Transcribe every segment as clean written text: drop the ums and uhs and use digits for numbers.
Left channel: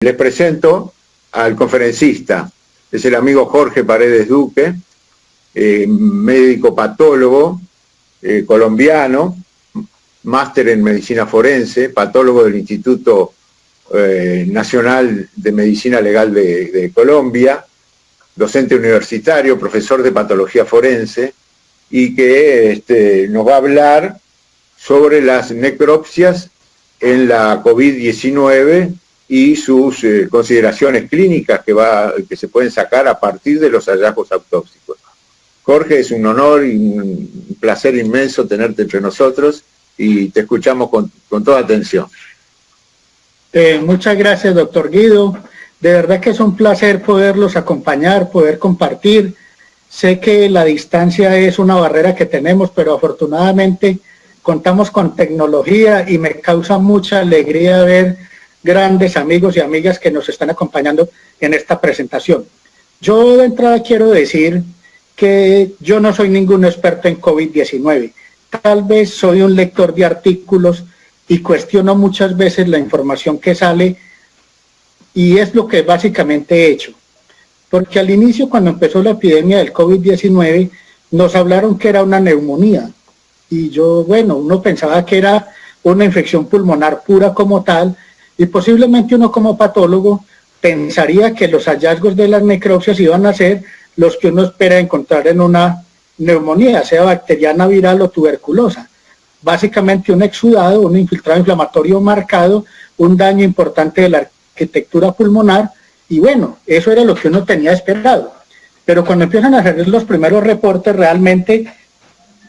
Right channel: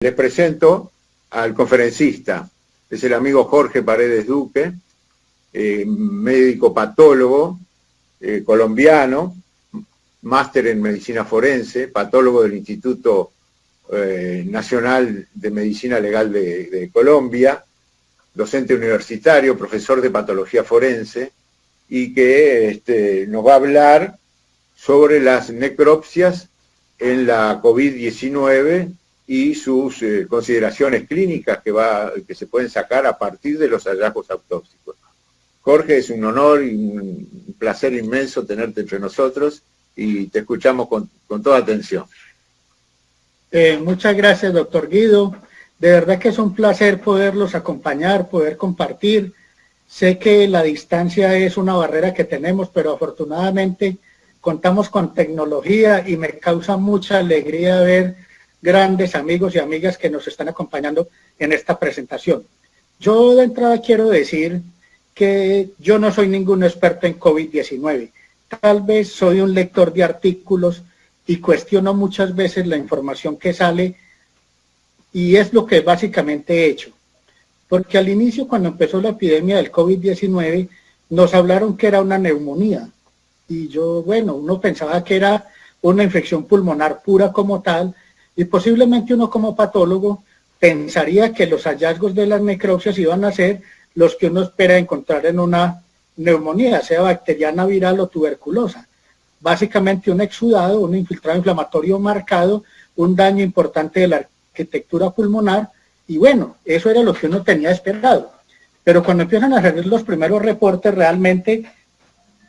Les presento al conferencista, es el amigo Jorge Paredes Duque, médico patólogo colombiano, máster en medicina forense, patólogo del Instituto Nacional de Medicina Legal de Colombia, docente universitario, profesor de patología forense, y que nos va a hablar sobre las necropsias en la COVID-19 y sus consideraciones clínicas que se pueden sacar a partir de los hallazgos autópsicos. Jorge, es un honor y un placer inmenso tenerte entre nosotros y te escuchamos con toda atención. Muchas gracias, doctor Guido. De verdad que es un placer poderlos acompañar, poder compartir. Sé que la distancia es una barrera que tenemos, pero afortunadamente contamos con tecnología y me causa mucha alegría ver grandes amigos y amigas que nos están acompañando en esta presentación. Yo de entrada quiero decir que yo no soy ningún experto en COVID-19. Tal vez soy un lector de artículos y cuestiono muchas veces la información que sale, y es lo que básicamente he hecho. Porque al inicio, cuando empezó la epidemia del COVID-19, nos hablaron que era una neumonía. Y uno pensaba que era una infección pulmonar pura como tal, y posiblemente uno como patólogo pensaría que los hallazgos de las necropsias iban a ser los que uno espera encontrar en una neumonía, sea bacteriana, viral o tuberculosa. Básicamente un exudado, un infiltrado inflamatorio marcado, un daño importante de la arquitectura pulmonar, y eso era lo que uno tenía esperado. Pero cuando empiezan a salir los primeros reportes, realmente,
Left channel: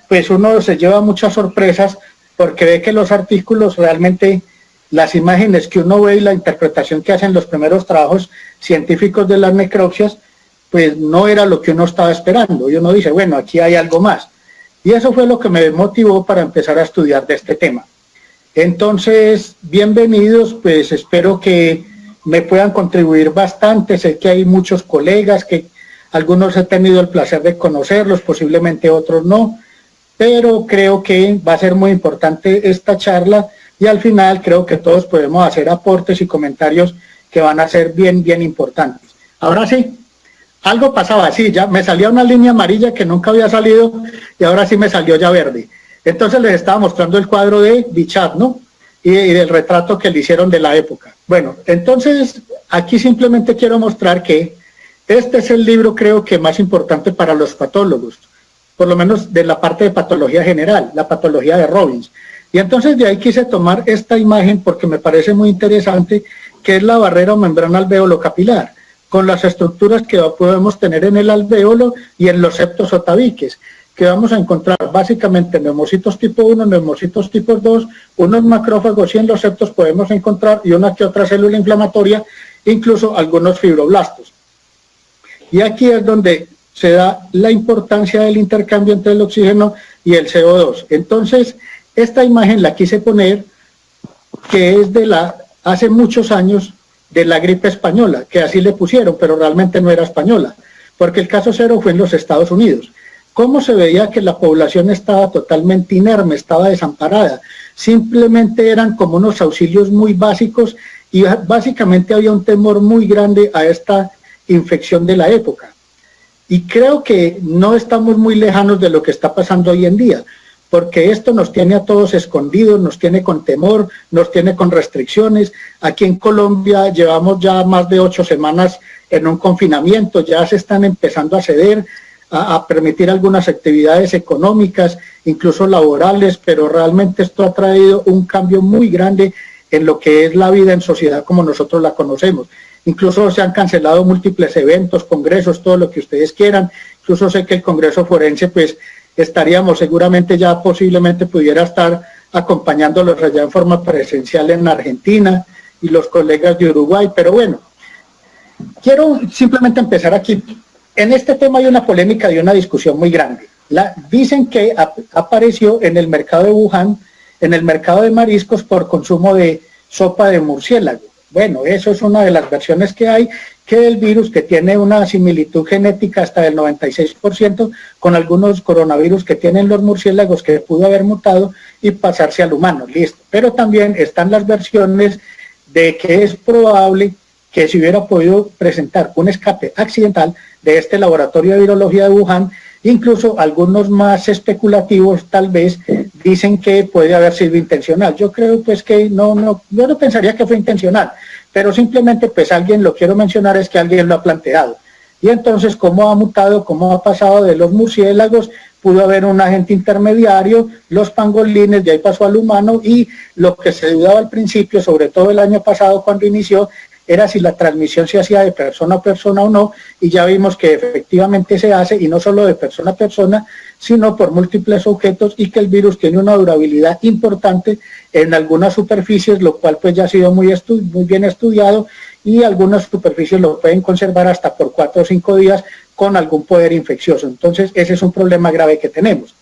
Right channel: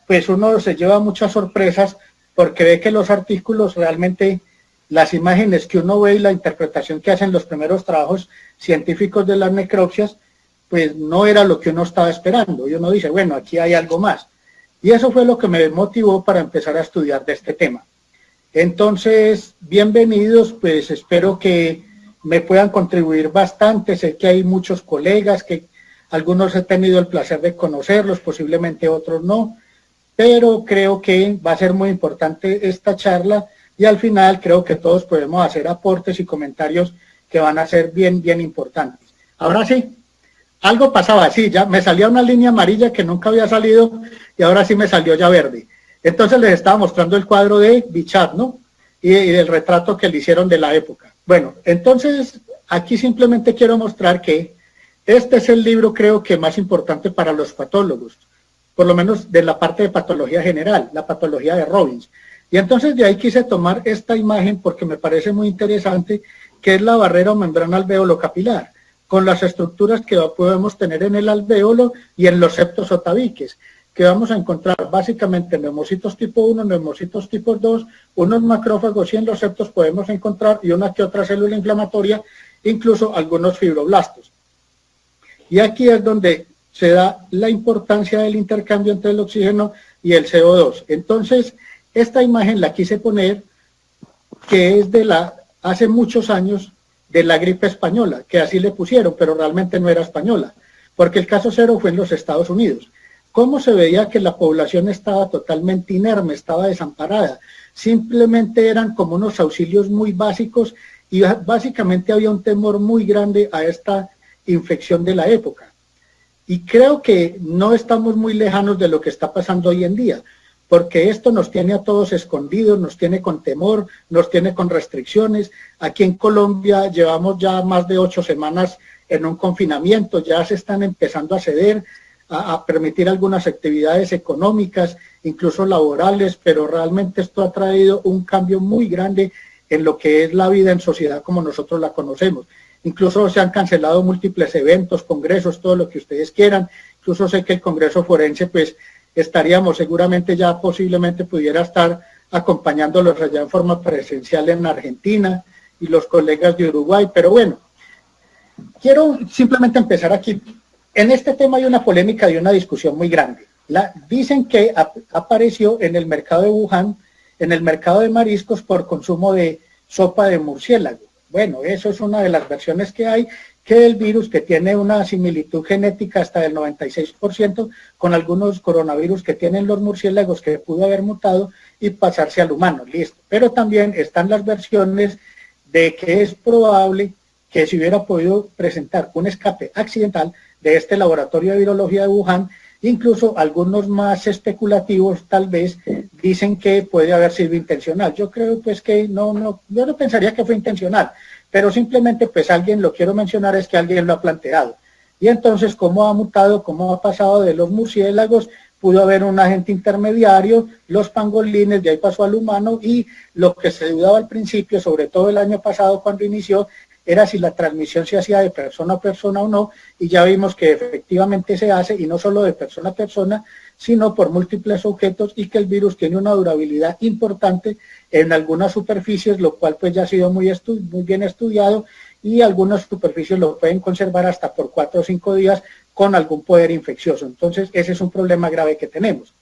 pues uno se lleva muchas sorpresas, porque ve que los artículos realmente, las imágenes que uno ve y la interpretación que hacen los primeros trabajos científicos de las necropsias, pues no era lo que uno estaba esperando. Y uno dice, aquí hay algo más. Y eso fue lo que me motivó para empezar a estudiar de este tema. Entonces, bienvenidos, pues espero que me puedan contribuir bastante. Sé que hay muchos colegas, que algunos he tenido el placer de conocerlos, posiblemente otros no, pero creo que va a ser muy importante esta charla, y al final creo que todos podemos hacer aportes y comentarios que van a ser bien importantes. Ahora sí, algo pasaba así, ya me salía una línea amarilla que nunca había salido, y ahora sí me salió ya verde. Entonces les estaba mostrando el cuadro de Bichat, ¿no? Y el retrato que le hicieron de la época. Entonces aquí simplemente quiero mostrar que este es el libro, creo que más importante para los patólogos, por lo menos de la parte de patología general, la patología de Robbins. Y entonces de ahí quise tomar esta imagen porque me parece muy interesante, que es la barrera o membrana alvéolo capilar, con las estructuras que podemos tener en el alvéolo y en los septos o tabiques, que vamos a encontrar básicamente neumocitos tipo 1, neumocitos tipo 2, unos macrófagos, y en los septos podemos encontrar y una que otra célula inflamatoria, incluso algunos fibroblastos. Y aquí es donde se da la importancia del intercambio entre el oxígeno y el CO2. Entonces, esta imagen la quise poner, que es hace muchos años, de la gripe española, que así le pusieron, pero realmente no era española, porque el caso cero fue en los Estados Unidos. ¿Cómo se veía que la población estaba totalmente inerme, estaba desamparada? Simplemente eran como unos auxilios muy básicos, y básicamente había un temor muy grande a esta infección de la época. Y creo que no estamos muy lejanos de lo que está pasando hoy en día, porque esto nos tiene a todos escondidos, nos tiene con temor, nos tiene con restricciones. Aquí en Colombia llevamos ya más de 8 semanas en un confinamiento, ya se están empezando a ceder, a permitir algunas actividades económicas, incluso laborales, pero realmente esto ha traído un cambio muy grande en lo que es la vida en sociedad como nosotros la conocemos. Incluso se han cancelado múltiples eventos, congresos, todo lo que ustedes quieran. Incluso sé que el Congreso Forense, pues, estaríamos seguramente ya posiblemente pudiera estar acompañándolos allá en forma presencial en Argentina, y los colegas de Uruguay, pero quiero simplemente empezar aquí. En este tema hay una polémica y una discusión muy grande. Dicen que apareció en el mercado de Wuhan, en el mercado de mariscos, por consumo de sopa de murciélago. Eso es una de las versiones que hay, que el virus, que tiene una similitud genética hasta del 96% con algunos coronavirus que tienen los murciélagos, que pudo haber mutado y pasarse al humano, listo. Pero también están las versiones de que es probable que se hubiera podido presentar un escape accidental de este laboratorio de virología de Wuhan. Incluso algunos más especulativos tal vez dicen que puede haber sido intencional. Yo creo pues que yo no pensaría que fue intencional, pero simplemente pues alguien, lo quiero mencionar, es que alguien lo ha planteado. Y entonces, ¿cómo ha mutado, cómo ha pasado de los murciélagos? Pudo haber un agente intermediario, los pangolines, de ahí pasó al humano, y lo que se dudaba al principio, sobre todo el año pasado cuando inició, era si la transmisión se hacía de persona a persona o no, y ya vimos que efectivamente se hace, y no solo de persona a persona, sino por múltiples objetos, y que el virus tiene una durabilidad importante en algunas superficies, lo cual pues ya ha sido muy bien estudiado, y algunas superficies lo pueden conservar hasta por 4 o 5 días con algún poder infeccioso. Entonces ese es un problema grave que tenemos.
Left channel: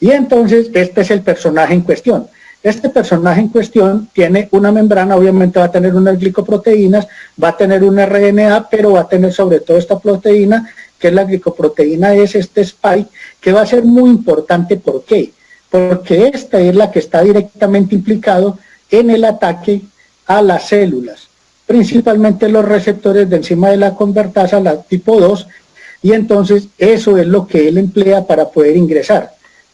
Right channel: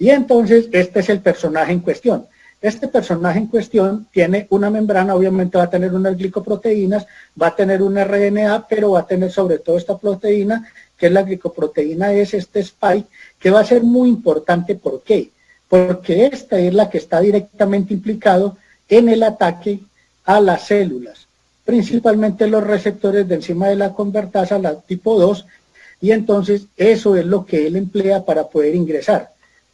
Y entonces este es el personaje en cuestión. Este personaje en cuestión tiene una membrana, obviamente va a tener unas glicoproteínas, va a tener un RNA, pero va a tener sobre todo esta proteína, que es la glicoproteína S, este spike, que va a ser muy importante. ¿Por qué? Porque esta es la que está directamente implicado en el ataque a las células, principalmente los receptores de enzima de la convertasa, la tipo 2, y entonces eso es lo que él emplea para poder ingresar.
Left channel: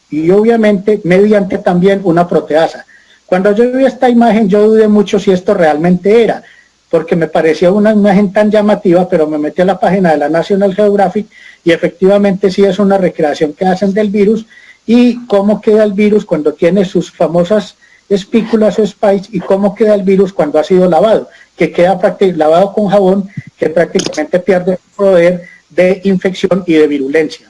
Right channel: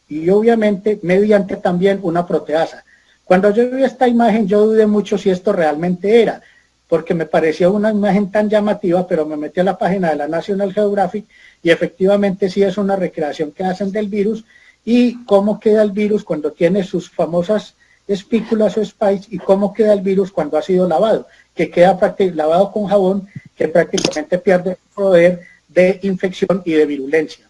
Y obviamente mediante también una proteasa. Cuando yo vi esta imagen yo dudé mucho si esto realmente era, porque me parecía una imagen tan llamativa, pero me metí a la página de la National Geographic y efectivamente sí es una recreación que hacen del virus y cómo queda el virus cuando tiene sus famosas espículas o spikes y cómo queda el virus cuando ha sido lavado, que queda lavado con jabón, que prácticamente pierde el poder de infección y de virulencia.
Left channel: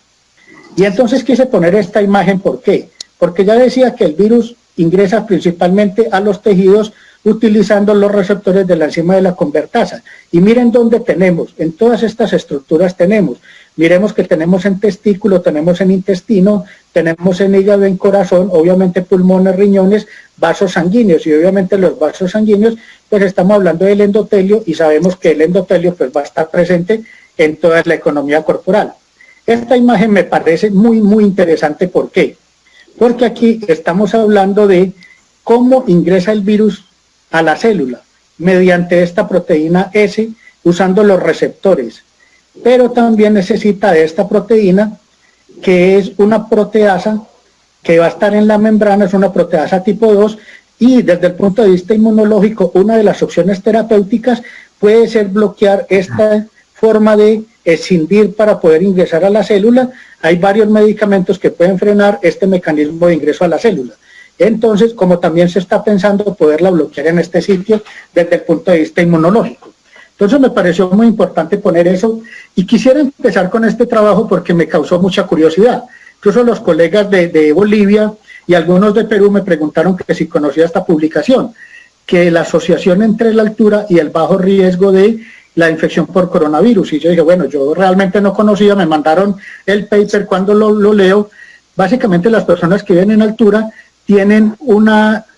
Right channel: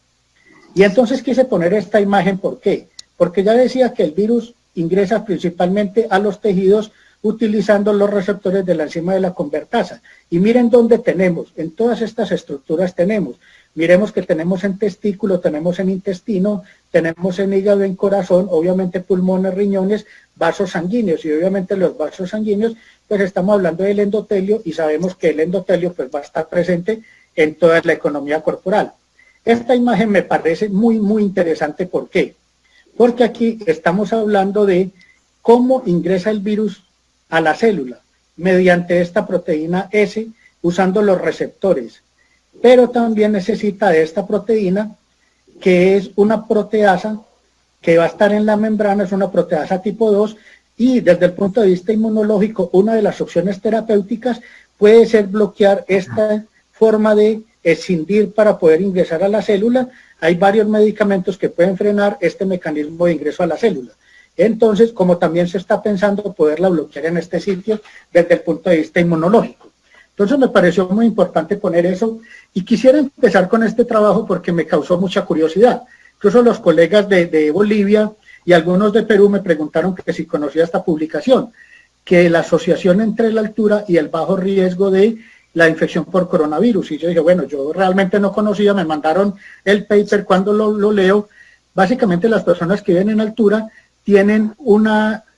Y entonces quise poner esta imagen, ¿por qué? Porque ya decía que el virus ingresa principalmente a los tejidos utilizando los receptores de la enzima de la convertasa. Y miren dónde tenemos, en todas estas estructuras tenemos. Miremos que tenemos en testículo, tenemos en intestino, tenemos en hígado, en corazón, obviamente pulmones, riñones, vasos sanguíneos. Y obviamente los vasos sanguíneos, pues estamos hablando del endotelio y sabemos que el endotelio pues va a estar presente en toda la economía corporal. Esta imagen me parece muy interesante. ¿Por qué? Porque aquí estamos hablando de cómo ingresa el virus a la célula mediante esta proteína S usando los receptores. Pero también necesita de esta proteína que es una proteasa que va a estar en la membrana, es una proteasa tipo 2 y desde el punto de vista inmunológico una de las opciones terapéuticas puede ser bloquear esta forma de escindir para poder ingresar a la célula. Hay varios medicamentos que pueden frenar este mecanismo de ingreso a la célula. Entonces, como también se está pensando poderla bloquear en este sitio desde el punto de vista inmunológico. Entonces me pareció muy importante poner eso y quisiera empezar con este trabajo porque me causó mucha curiosidad. Incluso los colegas de Bolivia y algunos de Perú me preguntaron que si conocía esta publicación, que la asociación entre la altura y el bajo riesgo de la infección por coronavirus. Y yo dije, bueno, yo realmente no conocía, me mandaron el paper, cuando lo leo, básicamente las personas que viven en altura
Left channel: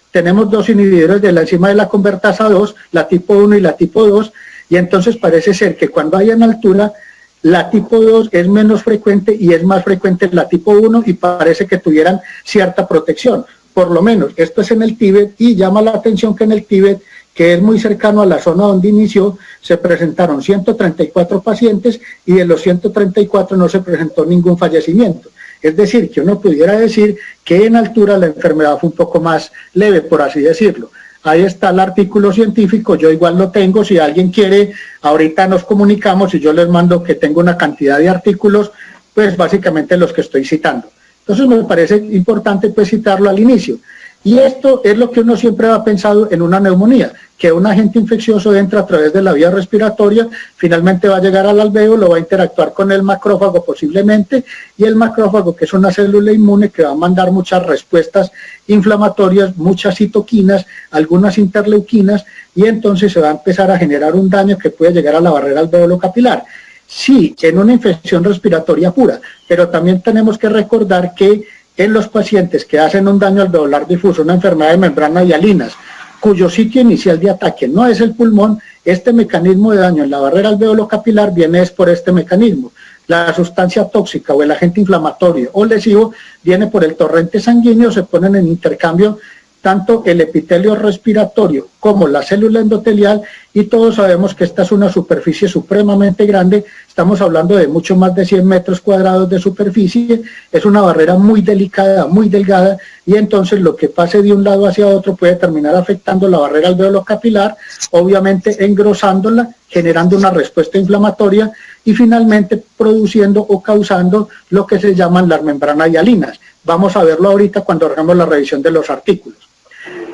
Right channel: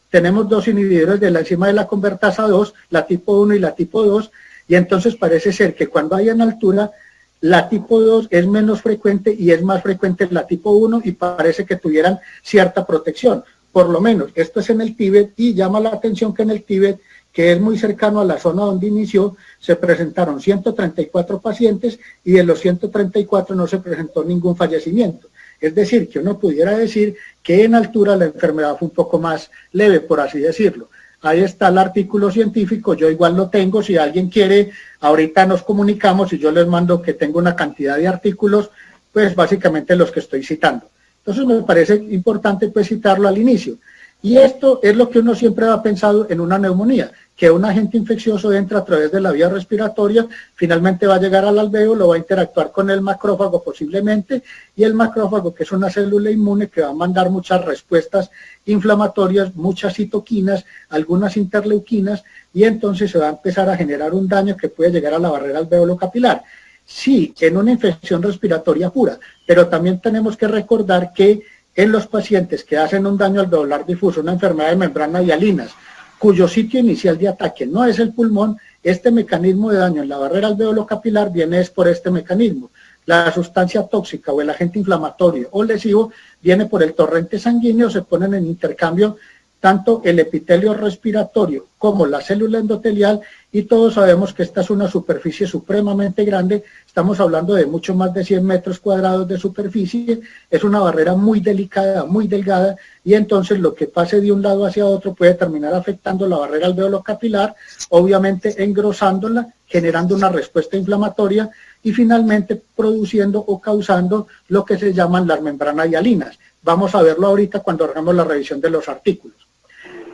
tenemos dos inhibidores de la enzima de la convertasa 2, la tipo 1 y la tipo 2, y entonces parece ser que cuando hay en altura, la tipo 2 es menos frecuente y es más frecuente la tipo 1 y parece que tuvieran cierta protección. Por lo menos, esto es en el Tíbet y llama la atención que en el Tíbet, que es muy cercano a la zona donde inició, se presentaron 134 pacientes y de los 134 no se presentó ningún fallecimiento. Es decir, que uno pudiera decir que en altura la enfermedad fue un poco más leve, por así decirlo. Ahí está el artículo científico, yo igual lo tengo, si alguien quiere, ahorita nos comunicamos y yo les mando que tengo una cantidad de artículos, pues básicamente los que estoy citando. Entonces me parece importante pues citarlo al inicio. Y esto es lo que uno siempre ha pensado en una neumonía, que un agente infeccioso entra a través de la vía respiratoria, finalmente va a llegar al alvéolo, va a interactuar con el macrófago posiblemente, y el macrófago, que es una célula inmune que va a mandar muchas respuestas inflamatorias, muchas citoquinas, algunas interleuquinas, y entonces se va a empezar a generar un daño que puede llegar a la barrera alvéolo capilar. Sí, en una infección respiratoria pura, pero también tenemos que recordar que en los pacientes que hacen un daño alveolar difuso, una enfermedad de membrana hialinas, cuyo sitio inicial de ataque no es el pulmón, este mecanismo de daño en la barrera alvéolo capilar viene es por este mecanismo. La sustancia tóxica o el agente inflamatorio o lesivo viene por el torrente sanguíneo, se ponen en intercambio tanto el epitelio respiratorio como la célula endotelial, y todos sabemos que esta es una superficie supremamente grande, estamos hablando de mucho más de 100 metros cuadrados de superficie, es una barrera muy delicada, muy delgada, y entonces lo que pase de un lado hacia otro puede terminar afectando la barrera alveolo-capilar, obviamente engrosándola, generando una respuesta inflamatoria y finalmente produciendo o causando lo que se llaman las membranas hialinas. Vamos a verlo ahorita cuando hagamos la revisión de los artículos.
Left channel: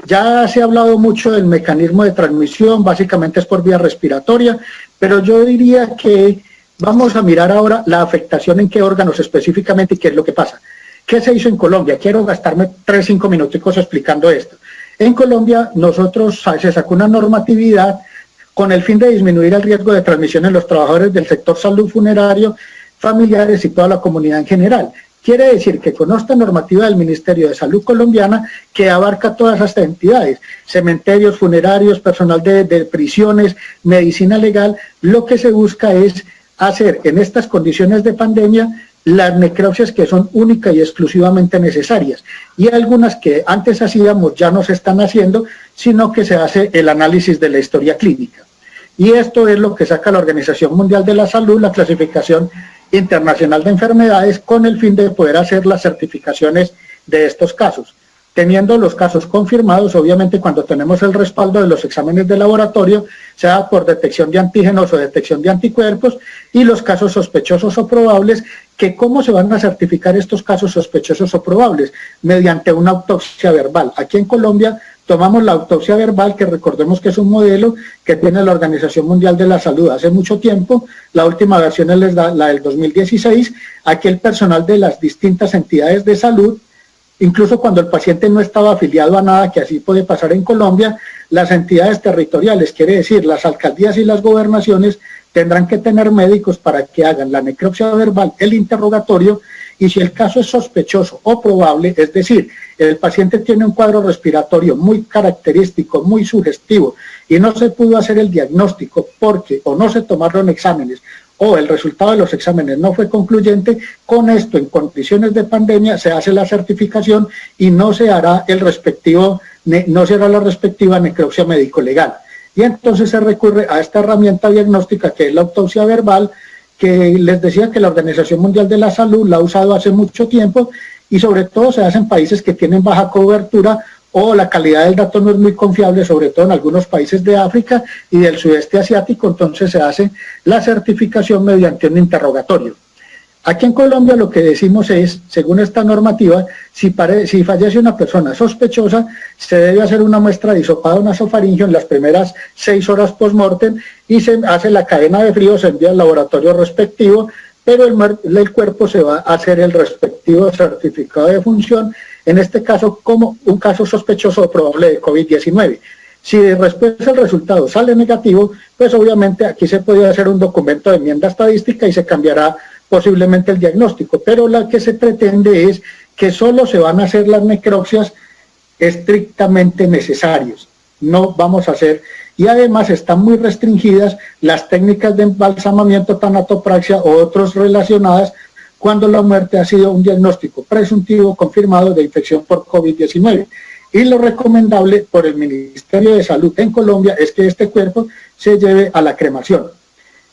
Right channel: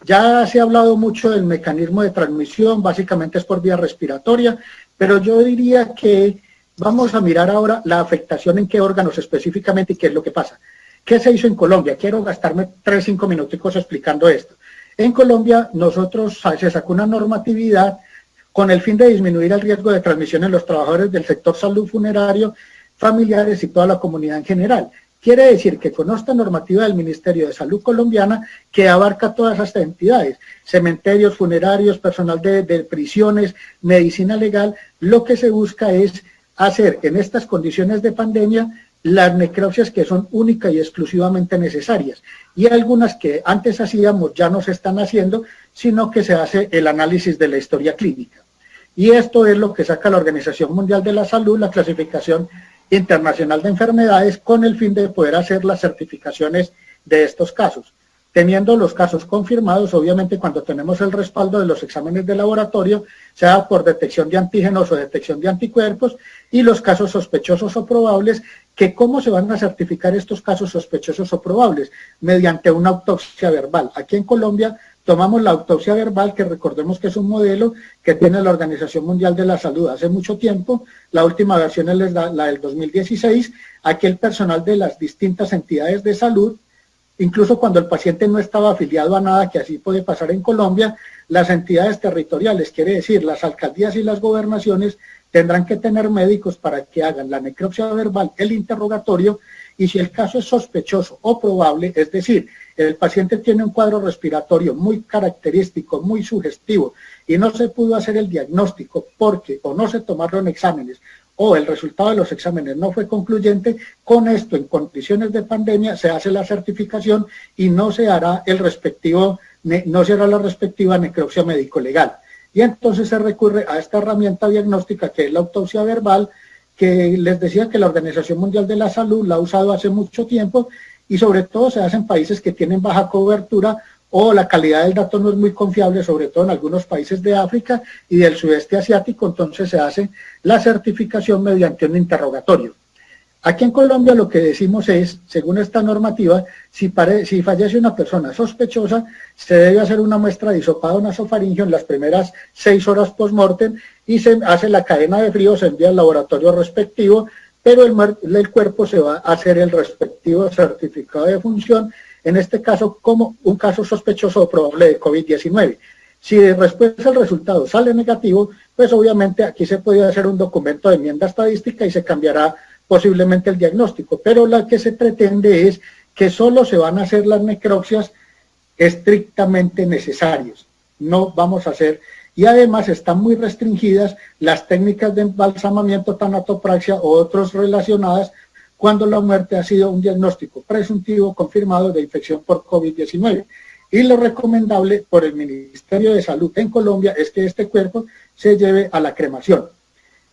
Ya se ha hablado mucho del mecanismo de transmisión, básicamente es por vía respiratoria, pero yo diría que vamos a mirar ahora la afectación en qué órganos específicamente y qué es lo que pasa. ¿Qué se hizo en Colombia? Quiero gastarme 3-5 minuticos explicando esto. En Colombia se sacó una normatividad con el fin de disminuir el riesgo de transmisión en los trabajadores del sector salud funerario, familiares y toda la comunidad en general. Quiere decir que con esta normativa del Ministerio de Salud colombiana, que abarca todas estas entidades, cementerios, funerarios, personal de prisiones, medicina legal, lo que se busca es hacer en estas condiciones de pandemia las necropsias que son únicas y exclusivamente necesarias. Y algunas que antes hacíamos ya no se están haciendo, sino que se hace el análisis de la historia clínica. Y esto es lo que saca la Organización Mundial de la Salud, la clasificación internacional de enfermedades, con el fin de poder hacer las certificaciones de estos casos. Teniendo los casos confirmados, obviamente cuando tenemos el respaldo de los exámenes de laboratorio, sea por detección de antígenos o detección de anticuerpos, y los casos sospechosos o probables, que ¿cómo se van a certificar estos casos sospechosos o probables? Mediante una autopsia verbal. Aquí en Colombia tomamos la autopsia verbal, que recordemos que es un modelo que tiene la Organización Mundial de la Salud hace mucho tiempo. La última versión es la del 2016. Aquí el personal de las distintas entidades de salud, incluso cuando el paciente no estaba afiliado a nada, que así puede pasar en Colombia, las entidades territoriales, quiere decir las alcaldías y las gobernaciones, tendrán que tener médicos para que hagan la necropsia verbal, el interrogatorio, y si el caso es sospechoso o probable, es decir, el paciente tiene un cuadro respiratorio muy característico, muy sugestivo, y no se pudo hacer el diagnóstico porque o no se tomaron exámenes, o el resultado de los exámenes no fue concluyente, con esto en condiciones de pandemia se hace la certificación y no se hará la respectiva necropsia médico-legal. Y entonces se recurre a esta herramienta diagnóstica que es la autopsia verbal, que les decía que la Organización Mundial de la Salud la ha usado hace mucho tiempo, y sobre todo se hace en países que tienen baja cobertura o la calidad del dato no es muy confiable, sobre todo en algunos países de África y del sudeste asiático. Entonces se hace la certificación mediante un interrogatorio. Aquí en Colombia lo que decimos es, según esta normativa, si fallece una persona sospechosa, se debe hacer una muestra de hisopado nasofaringeo en las primeras 6 horas post-mortem y se hace la cadena de frío, se envía al laboratorio respectivo, pero el cuerpo se va a hacer el respectivo certificado de función, en este caso como un caso sospechoso o probable de COVID-19. Si después el resultado sale negativo, pues obviamente aquí se puede hacer un documento de enmienda estadística y se cambiará posiblemente el diagnóstico, pero lo que se pretende es que solo se van a hacer las necropsias estrictamente necesarias, no vamos a hacer, y además están muy restringidas las técnicas de embalsamamiento, tanatopraxia o otros relacionadas cuando la muerte ha sido un diagnóstico presuntivo confirmado de infección por COVID-19. Y lo recomendable por el Ministerio de Salud en Colombia es que este cuerpo se lleve a la cremación.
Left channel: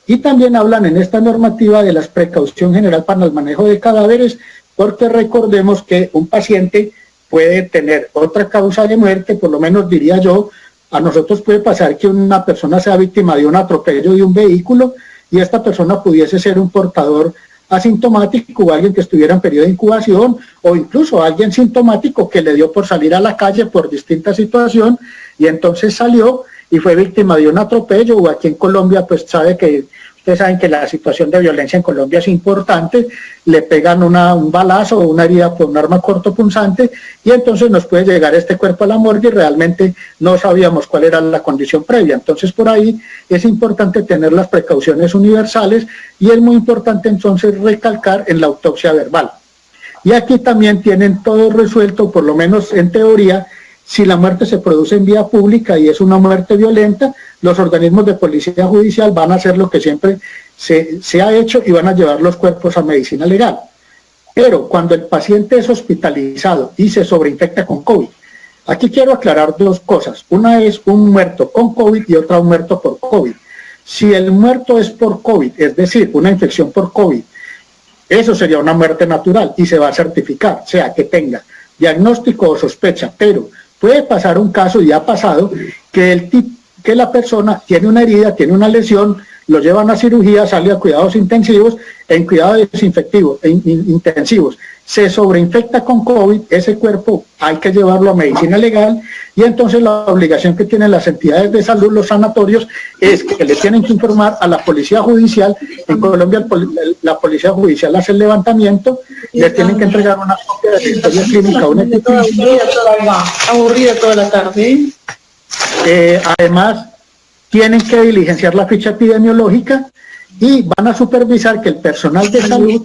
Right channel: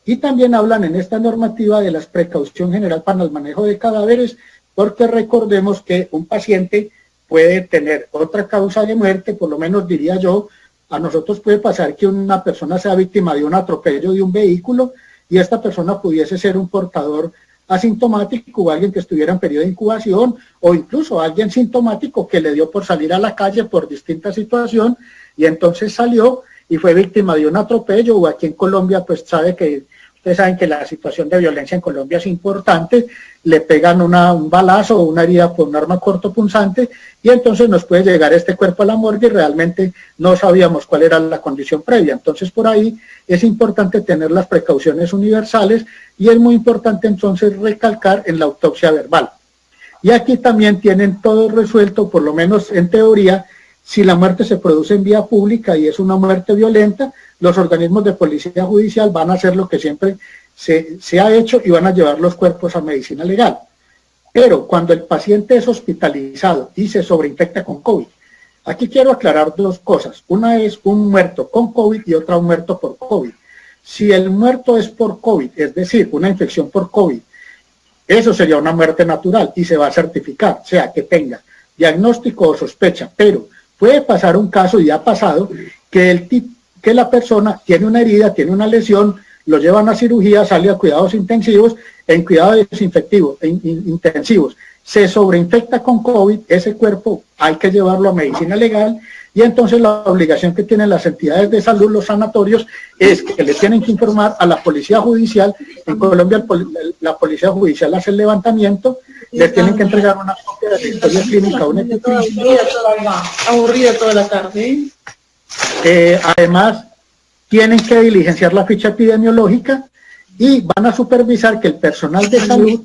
Y también hablan en esta normativa de la precaución general para el manejo de cadáveres, porque recordemos que un paciente puede tener otra causa de muerte, por lo menos diría yo, a nosotros puede pasar que una persona sea víctima de un atropello de un vehículo y esta persona pudiese ser un portador asintomático o alguien que estuviera en periodo de incubación o incluso alguien sintomático que le dio por salir a la calle por distinta situación y entonces salió y fue víctima de un atropello, o aquí en Colombia pues ustedes saben que la situación de violencia en Colombia es importante, le pegan un balazo o una herida por un arma cortopunzante y entonces nos puede llegar este cuerpo a la morgue y realmente no sabíamos cuál era la condición previa. Entonces por ahí es importante tener las precauciones universales y es muy importante entonces recalcar en la autopsia verbal. Y aquí también tienen todo resuelto, por lo menos en teoría. Si la muerte se produce en vía pública y es una muerte violenta, los organismos de policía judicial van a hacer lo que siempre se ha hecho y van a llevar los cuerpos a medicina legal. Pero cuando el paciente es hospitalizado y se sobreinfecta con COVID, Aquí quiero aclarar dos cosas. Una es un muerto con COVID y otra un muerto por COVID. Si el muerto es por COVID, es decir, una infección por COVID, eso sería una muerte natural y se va a certificar, o sea, que tenga diagnóstico o sospecha, pero puede pasar un caso, y ha pasado, que la persona tiene una herida, tiene una lesión, lo llevan a cirugía, sale a cuidados intensivos, en cuidados intensivos, se sobreinfecta con COVID, ese cuerpo hay que llevarlo a medicina legal, y entonces la obligación que tienen las entidades de salud, los sanatorios, es que le tienen que informar a la policía judicial. En Colombia la policía judicial hace el levantamiento, les tienen que entregar una copia de la historia clínica, aburrida toda la tarde. Además, tienen que diligenciar la ficha epidemiológica y van a supervisar que el personal de salud,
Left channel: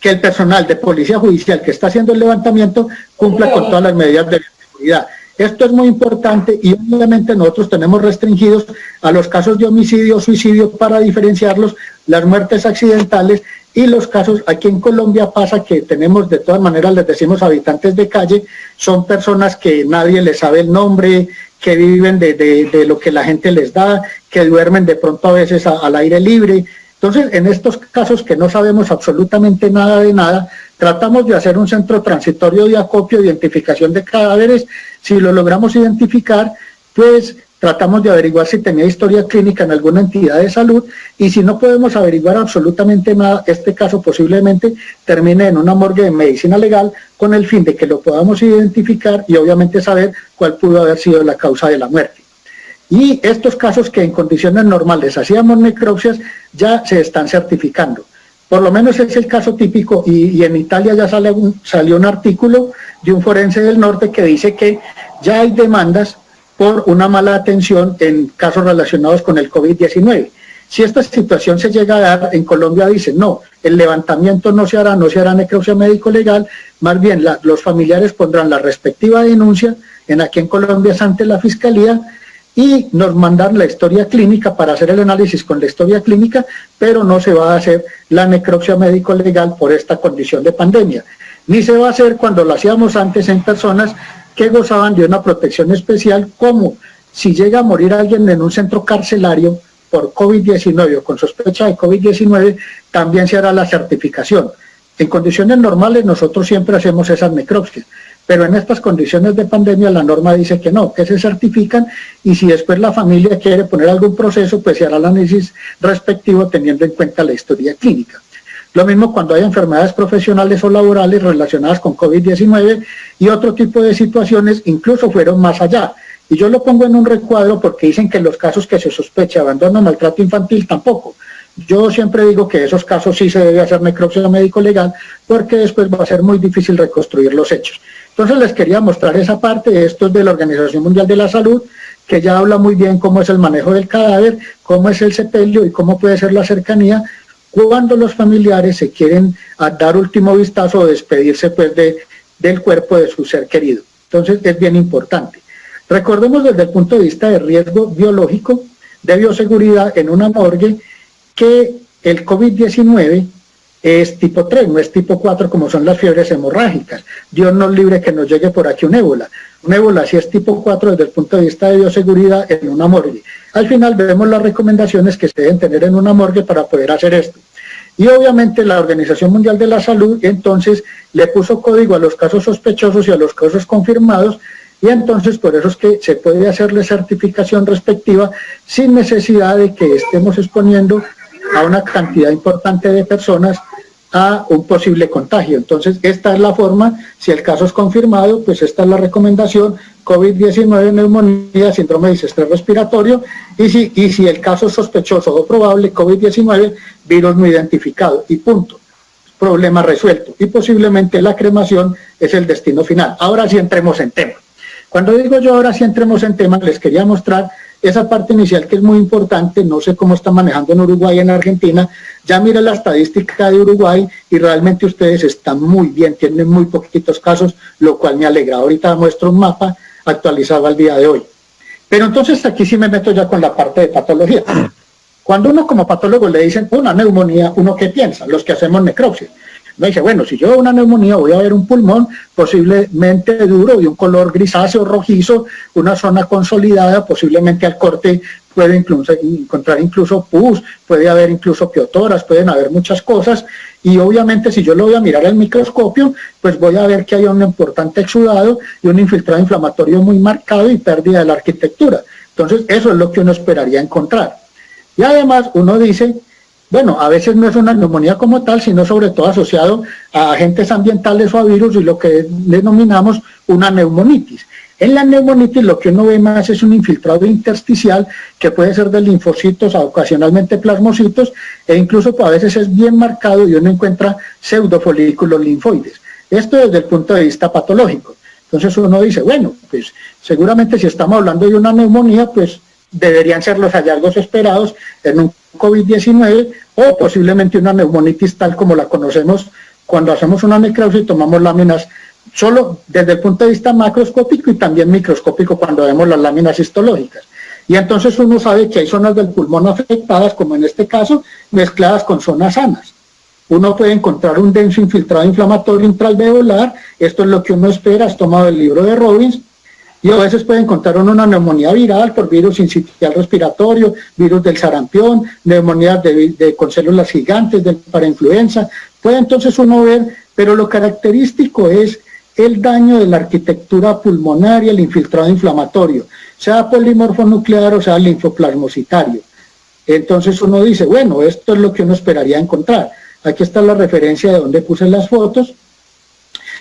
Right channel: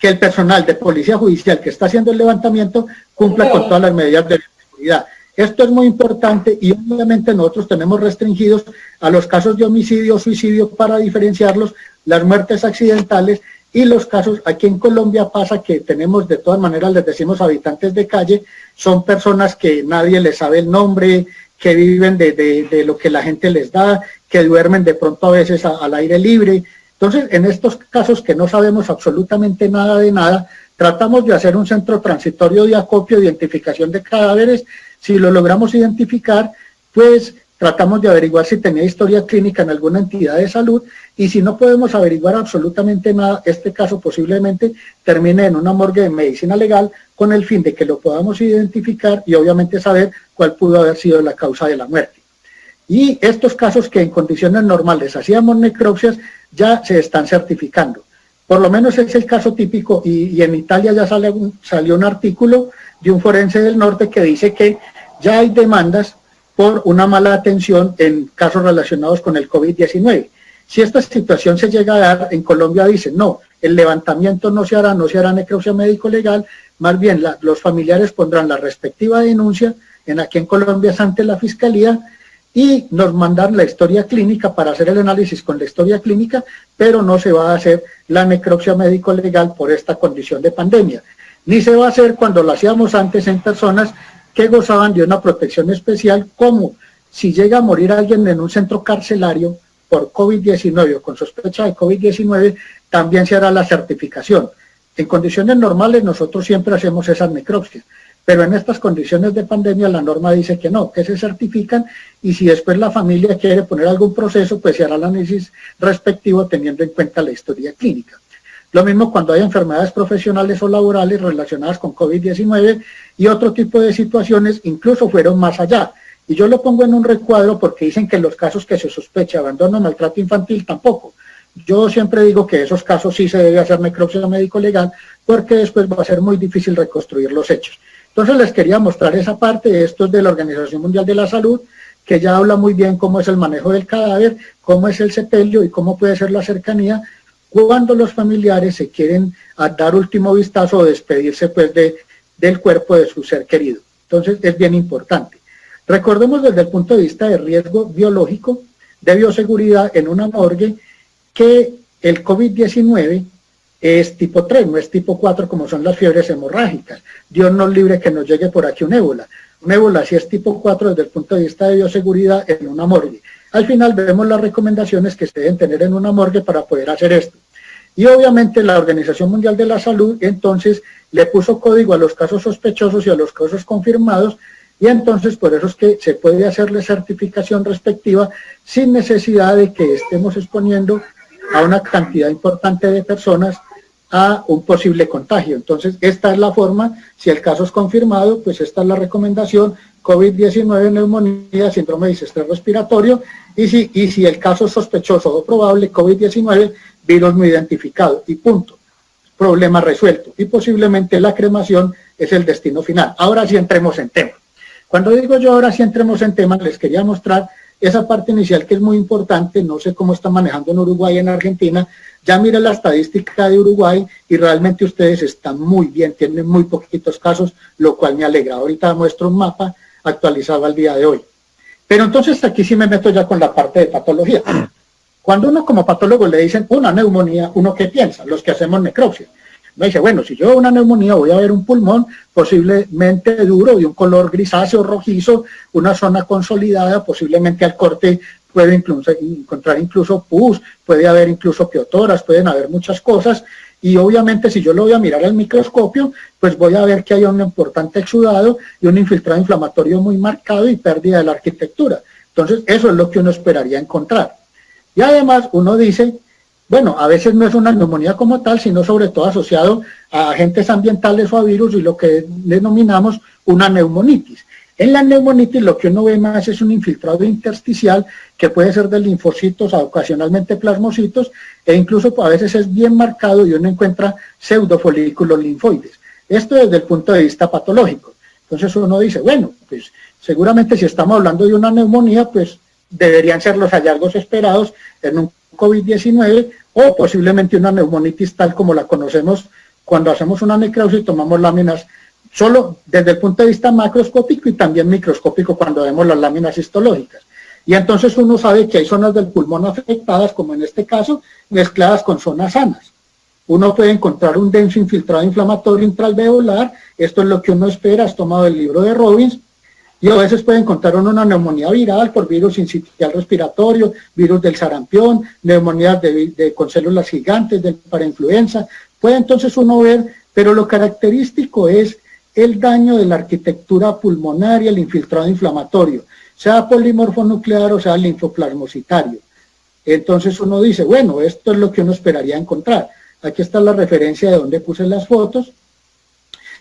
que el personal de policía judicial que está haciendo el levantamiento cumpla con todas las medidas de seguridad. Esto es muy importante y obviamente nosotros tenemos restringidos a los casos de homicidio, suicidio para diferenciarlos, las muertes accidentales y los casos. Aquí en Colombia pasa que tenemos, de todas maneras les decimos habitantes de calle, son personas que nadie les sabe el nombre, que viven de lo que la gente les da, que duermen de pronto a veces al aire libre. Entonces, en estos casos que no sabemos absolutamente nada de nada, tratamos de hacer un centro transitorio de acopio, de identificación de cadáveres. Si lo logramos identificar, pues tratamos de averiguar si tenía historia clínica en alguna entidad de salud, y si no podemos averiguar absolutamente nada, este caso posiblemente termine en una morgue de medicina legal con el fin de que lo podamos identificar y obviamente saber cuál pudo haber sido la causa de la muerte. Y estos casos que en condiciones normales hacíamos necropsias ya se están certificando. Por lo menos es el caso típico, y en Italia ya salió un artículo de un forense del norte que dice que ya hay demandas por una mala atención en casos relacionados con el COVID-19. Si esta situación se llega a dar, en Colombia dicen, no, el levantamiento no se hará necropsia médico-legal, más bien los familiares pondrán la respectiva denuncia, aquí en Colombia es ante la Fiscalía, y nos mandan la historia clínica para hacer el análisis con la historia clínica, pero no se va a hacer la necropsia médico-legal por esta condición de pandemia. Ni se va a hacer cuando lo hacíamos antes en personas que gozaban de una protección especial, como si llega a morir alguien en un centro carcelario por COVID-19 o con sospecha de COVID-19, también se hará la certificación. En condiciones normales nosotros siempre hacemos esas necropsias, pero en estas condiciones de pandemia la norma dice que no, que se certifican, y si después la familia quiere poner algún proceso, pues se hará el análisis respectivo teniendo en cuenta la historia clínica. Lo mismo cuando hay enfermedades profesionales o laborales relacionadas con COVID-19 y otro tipo de situaciones, incluso fueron más allá. Y yo lo pongo en un recuadro porque dicen que los casos que se sospecha de abandono o maltrato infantil tampoco. Yo siempre digo que esos casos sí se debe hacer necropsia médico-legal, porque después va a ser muy difícil reconstruir los hechos. Entonces les quería mostrar esa parte. Esto es de la Organización Mundial de la Salud, que ya habla muy bien cómo es el manejo del cadáver, cómo es el sepelio y cómo puede ser la cercanía cuando los familiares se quieren dar último vistazo o despedirse pues del cuerpo de su ser querido. Entonces es bien importante. Recordemos desde el punto de vista de riesgo biológico, de bioseguridad en una morgue, que el COVID-19 es tipo 3, no es tipo 4 como son las fiebres hemorrágicas. Dios nos libre que nos llegue por aquí un ébola. Un ébola sí es tipo 4 desde el punto de vista de bioseguridad en una morgue. Al final vemos las recomendaciones que se deben tener en una morgue para poder hacer esto. Y obviamente la Organización Mundial de la Salud entonces le puso código a los casos sospechosos y a los casos confirmados, y entonces por eso es que se puede hacerle certificación respectiva sin necesidad de que estemos exponiendo a una cantidad importante de personas a un posible contagio. Entonces esta es la forma. Si el caso es confirmado, pues esta es la recomendación: COVID-19, neumonía, síndrome de distrés respiratorio, y si el caso es sospechoso o probable, COVID-19, virus no identificado, y punto. Problema resuelto, y posiblemente la cremación es el destino final. Ahora sí entremos en tema. Cuando digo yo ahora sí entremos en tema, les quería mostrar esa parte inicial que es muy importante. No sé cómo está manejando en Uruguay y en Argentina. Ya mire la estadística de Uruguay y realmente ustedes están muy bien, tienen muy poquitos casos, lo cual me alegra. Ahorita muestro un mapa actualizado al día de hoy. Pero entonces aquí sí me meto ya con la parte de patología. Cuando uno como patólogo le dicen una neumonía, ¿uno qué piensa? Los que hacemos necropsia. Me dice, bueno, si yo veo una neumonía voy a ver un pulmón posiblemente duro, de un color grisáceo rojizo, una zona consolidada, posiblemente al corte puede encontrar incluso pus, puede haber incluso piotoras, pueden haber muchas cosas, y obviamente si yo lo voy a mirar al microscopio, pues voy a ver que hay un importante exudado y un infiltrado inflamatorio muy marcado y pérdida de la arquitectura. Entonces eso es lo que uno esperaría encontrar. Y además uno dice, bueno, a veces no es una neumonía como tal, sino sobre todo asociado a agentes ambientales o a virus y lo que denominamos una neumonitis. En la neumonitis lo que uno ve más es un infiltrado intersticial que puede ser de linfocitos, ocasionalmente plasmocitos, e incluso a veces es bien marcado y uno encuentra pseudofolículos linfoides. Esto desde el punto de vista patológico. Entonces uno dice, bueno, pues seguramente si estamos hablando de una neumonía, pues deberían ser los hallazgos esperados en un COVID-19 o posiblemente una neumonitis tal como la conocemos cuando hacemos una necropsia y tomamos láminas solo desde el punto de vista macroscópico y también microscópico cuando vemos las láminas histológicas. Y entonces uno sabe que hay zonas del pulmón afectadas, como en este caso, mezcladas con zonas sanas. Uno puede encontrar un denso infiltrado inflamatorio intraalveolar, esto es lo que uno espera, has tomado el libro de Robbins, y a veces puede encontrar una neumonía viral por virus sincitial respiratorio, virus del sarampión, neumonía con células gigantes, de parainfluenza. Puede entonces uno ver, pero lo característico es el daño de la arquitectura pulmonar y el infiltrado inflamatorio, sea polimorfo nuclear o sea linfoplasmocitario. Entonces uno dice, bueno, esto es lo que uno esperaría encontrar. Aquí está la referencia de donde puse las fotos.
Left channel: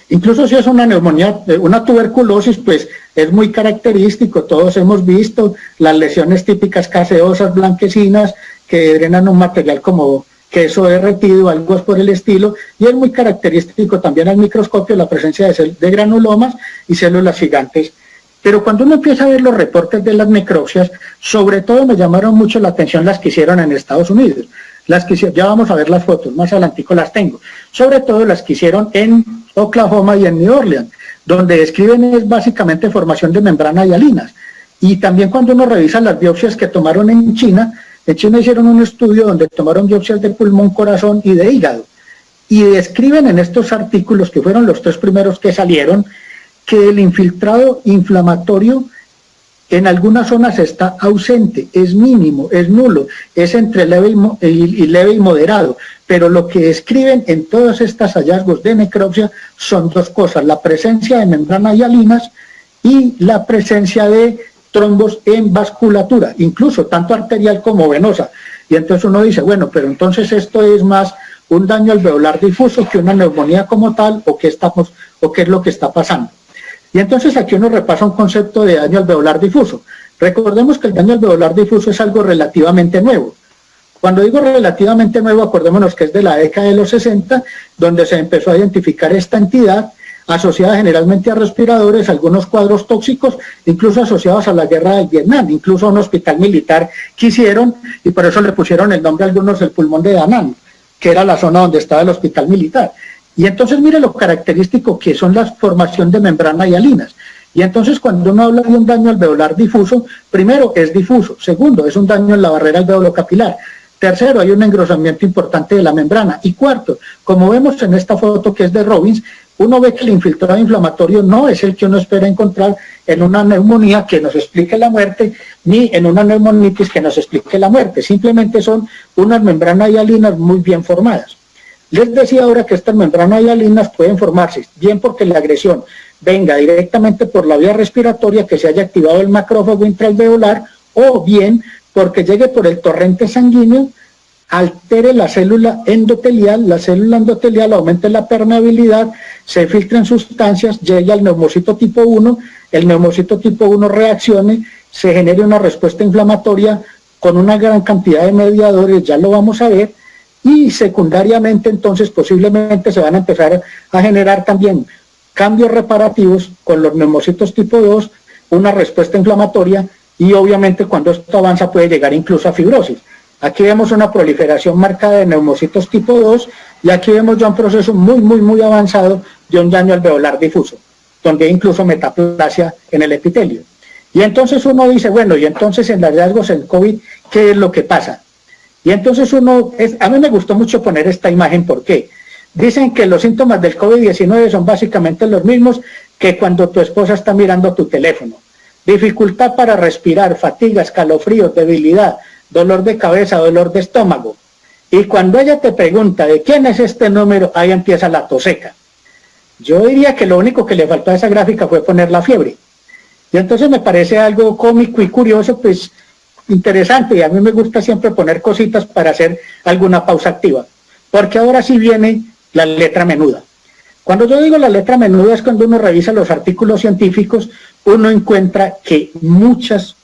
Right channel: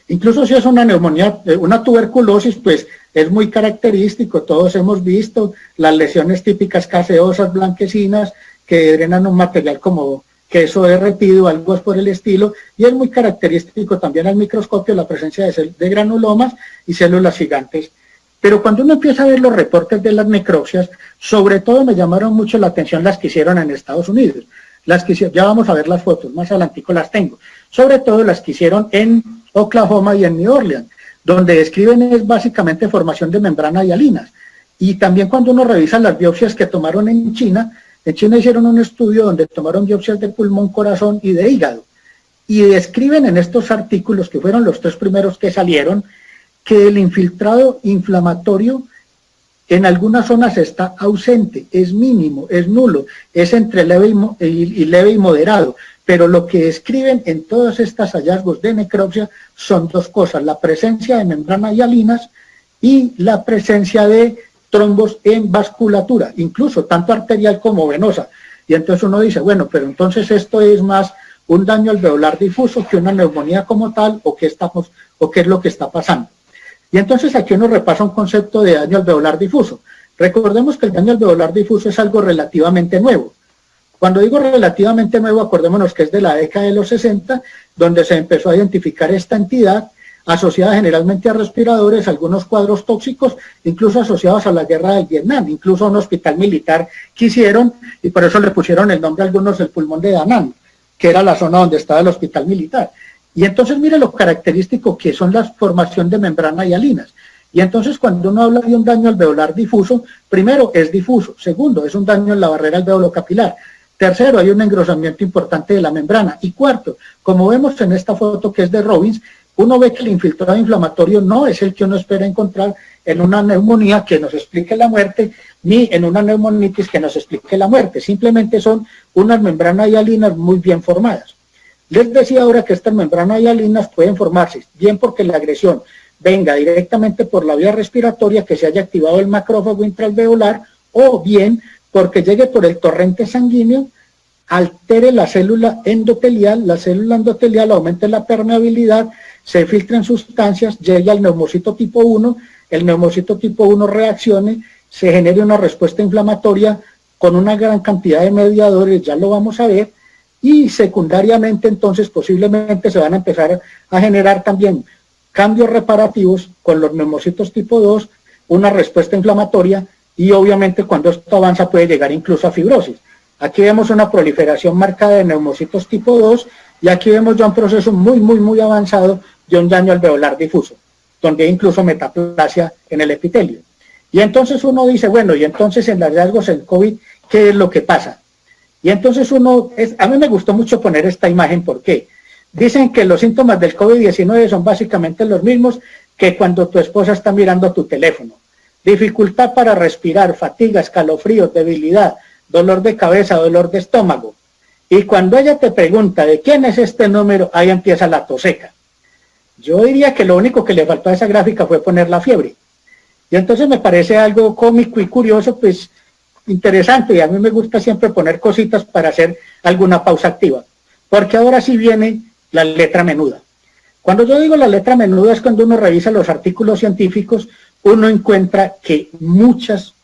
Incluso si es una neumonía, una tuberculosis, pues es muy característico, todos hemos visto las lesiones típicas caseosas blanquecinas que drenan un material como queso derretido, algo por el estilo, y es muy característico también al microscopio la presencia de granulomas y células gigantes. Pero cuando uno empieza a ver los reportes de las necropsias, sobre todo me llamaron mucho la atención las que hicieron en Estados Unidos. Las que ya vamos a ver las fotos, más adelantico las tengo. Sobre todo las que hicieron en Oklahoma y en New Orleans, donde describen es básicamente formación de membranas hialinas. Y también cuando uno revisa las biopsias que tomaron en China hicieron un estudio donde tomaron biopsias de pulmón, corazón y de hígado. Y describen en estos artículos, que fueron los 3 primeros que salieron, que el infiltrado inflamatorio en algunas zonas está ausente, es mínimo, es nulo, es entre leve y moderado, pero lo que describen en todos estos hallazgos de necropsia son 2 cosas, la presencia de membranas hialinas y la presencia de trombos en vasculatura, incluso tanto arterial como venosa. Y entonces uno dice, bueno, pero entonces esto es más un daño alveolar difuso que una neumonía como tal, o qué es lo que está pasando. Y entonces aquí uno repasa un concepto de daño alveolar difuso. Recordemos que el daño alveolar difuso es algo relativamente nuevo. Cuando digo relativamente nuevo, acordémonos que es de la década de los 60, donde se empezó a identificar esta entidad asociada generalmente a respiradores, algunos cuadros tóxicos, incluso asociados a la guerra del Vietnam, incluso a un hospital militar que hicieron, y por eso le pusieron el nombre a algunos del pulmón de Da Nang, que era la zona donde estaba el hospital militar. Y entonces mire lo característico que son la formación de membranas hialinas. Y entonces cuando uno habla de un daño alveolar difuso, primero es difuso, segundo es un daño en la barrera alveolo-capilar, tercero hay un engrosamiento importante de la membrana, y cuarto, como vemos en esta foto que es de Robbins, uno ve que el infiltrado inflamatorio no es el que uno espera encontrar en una neumonía que nos explique la muerte, ni en una neumonitis que nos explique la muerte, simplemente son unas membranas hialinas muy bien formadas. Les decía ahora que estas membranas hialinas pueden formarse bien porque la agresión venga directamente por la vía respiratoria, que se haya activado el macrófago intraalveolar, o bien porque llegue por el torrente sanguíneo, altere la célula endotelial aumente la permeabilidad, se filtren sustancias, llegue al neumocito tipo 1, el neumocito tipo 1 reaccione, se genere una respuesta inflamatoria con una gran cantidad de mediadores, ya lo vamos a ver, y secundariamente entonces posiblemente se van a empezar a generar también cambios reparativos con los neumocitos tipo 2, una respuesta inflamatoria, y obviamente cuando esto avanza puede llegar incluso a fibrosis. Aquí vemos una proliferación marcada de neumocitos tipo 2 y aquí vemos ya un proceso muy avanzado de un daño alveolar difuso, donde hay incluso metaplasia en el epitelio. Y entonces uno dice, bueno, y entonces en los hallazgos en COVID, ¿qué es lo que pasa? Y entonces a mí me gustó mucho poner esta imagen, ¿por qué? Dicen que los síntomas del COVID-19 son básicamente los mismos que cuando tu esposa está mirando tu teléfono. Dificultad para respirar, fatiga, escalofríos, debilidad, dolor de cabeza, dolor de estómago. Y cuando ella te pregunta de quién es este número, ahí empieza la tos seca. Yo diría que lo único que le faltó a esa gráfica fue poner la fiebre. Y entonces me parece algo cómico y curioso, pues interesante, y a mí me gusta siempre poner cositas para hacer alguna pausa activa. Porque ahora sí viene la letra menuda. Cuando yo digo la letra menuda es cuando uno revisa los artículos científicos, uno encuentra que muchos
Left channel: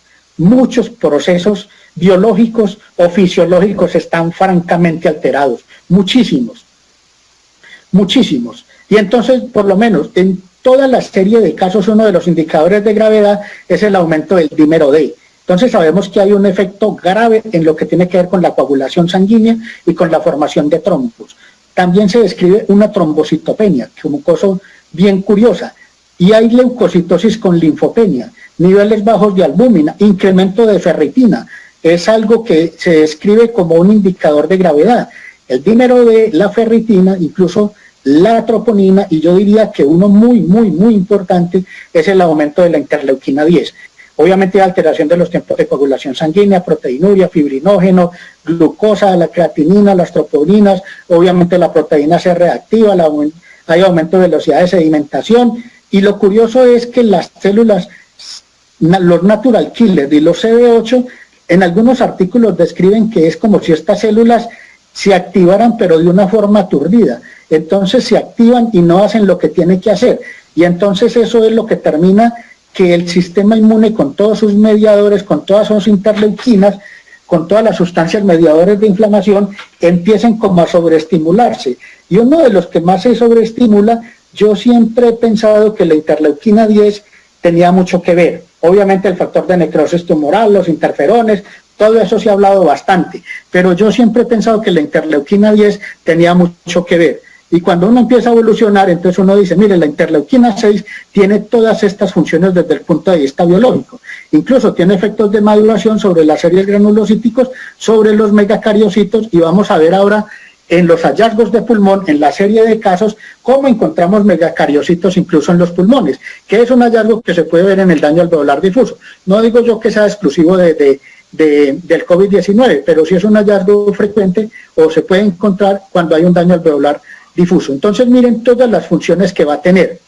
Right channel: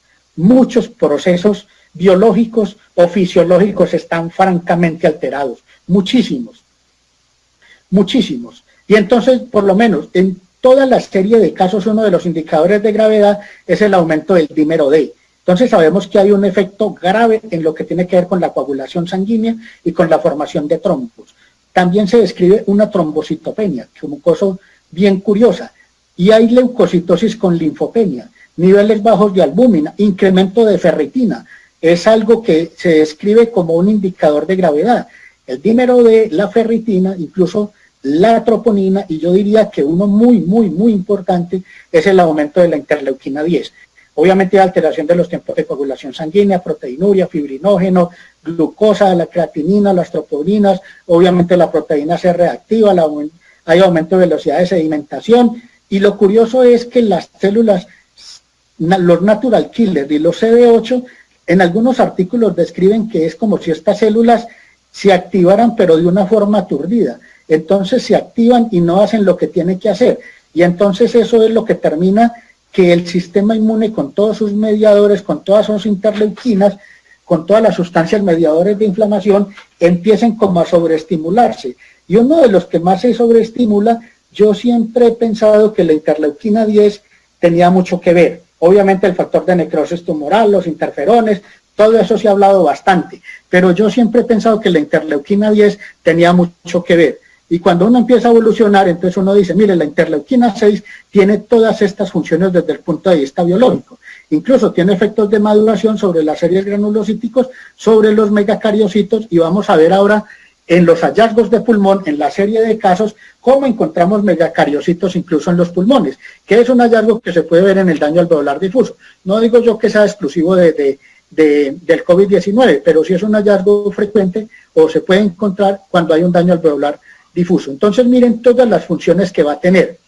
procesos biológicos o fisiológicos están francamente alterados, muchísimos. Y entonces, por lo menos, en toda la serie de casos, uno de los indicadores de gravedad es el aumento del dímero D. Entonces sabemos que hay un efecto grave en lo que tiene que ver con la coagulación sanguínea y con la formación de trombos. También se describe una trombocitopenia, como cosa bien curiosa, y hay leucocitosis con linfopenia, niveles bajos de albúmina, incremento de ferritina. Es algo que se describe como un indicador de gravedad. El dímero de la ferritina, incluso la troponina, y yo diría que uno muy importante es el aumento de la interleuquina 10. Obviamente la alteración de los tiempos de coagulación sanguínea, proteinuria, fibrinógeno, glucosa, la creatinina, las troponínas, obviamente la proteína C reactiva, hay aumento de velocidad de sedimentación, y lo curioso es que las células, los natural killers y los CD8, en algunos artículos describen que es como si estas células se activaran pero de una forma aturdida. Entonces se activan y no hacen lo que tienen que hacer. Y entonces eso es lo que termina que el sistema inmune con todos sus mediadores, con todas sus interleuquinas, con todas las sustancias mediadores de inflamación, empiecen como a sobreestimularse. Y uno de los que más se sobreestimula, yo siempre he pensado que la interleuquina 10 tenía mucho que ver. Obviamente el factor de necrosis tumoral, los interferones, todo eso se ha hablado bastante, pero yo siempre he pensado que la interleuquina 10 tenía mucho que ver. Y cuando uno empieza a evolucionar, entonces uno dice, mire, la interleuquina 6 tiene todas estas funciones desde el punto de vista biológico. Incluso tiene efectos de maduración sobre las series granulocíticos, sobre los megacariocitos, y vamos a ver ahora en los hallazgos de pulmón, en la serie de casos, cómo encontramos megacariocitos incluso en los pulmones, que es un hallazgo que se puede ver en el daño alveolar difuso. No digo yo que sea exclusivo del COVID-19, pero sí es un hallazgo frecuente o se puede encontrar cuando hay un daño alveolar difuso. Entonces miren todas las funciones que va a tener.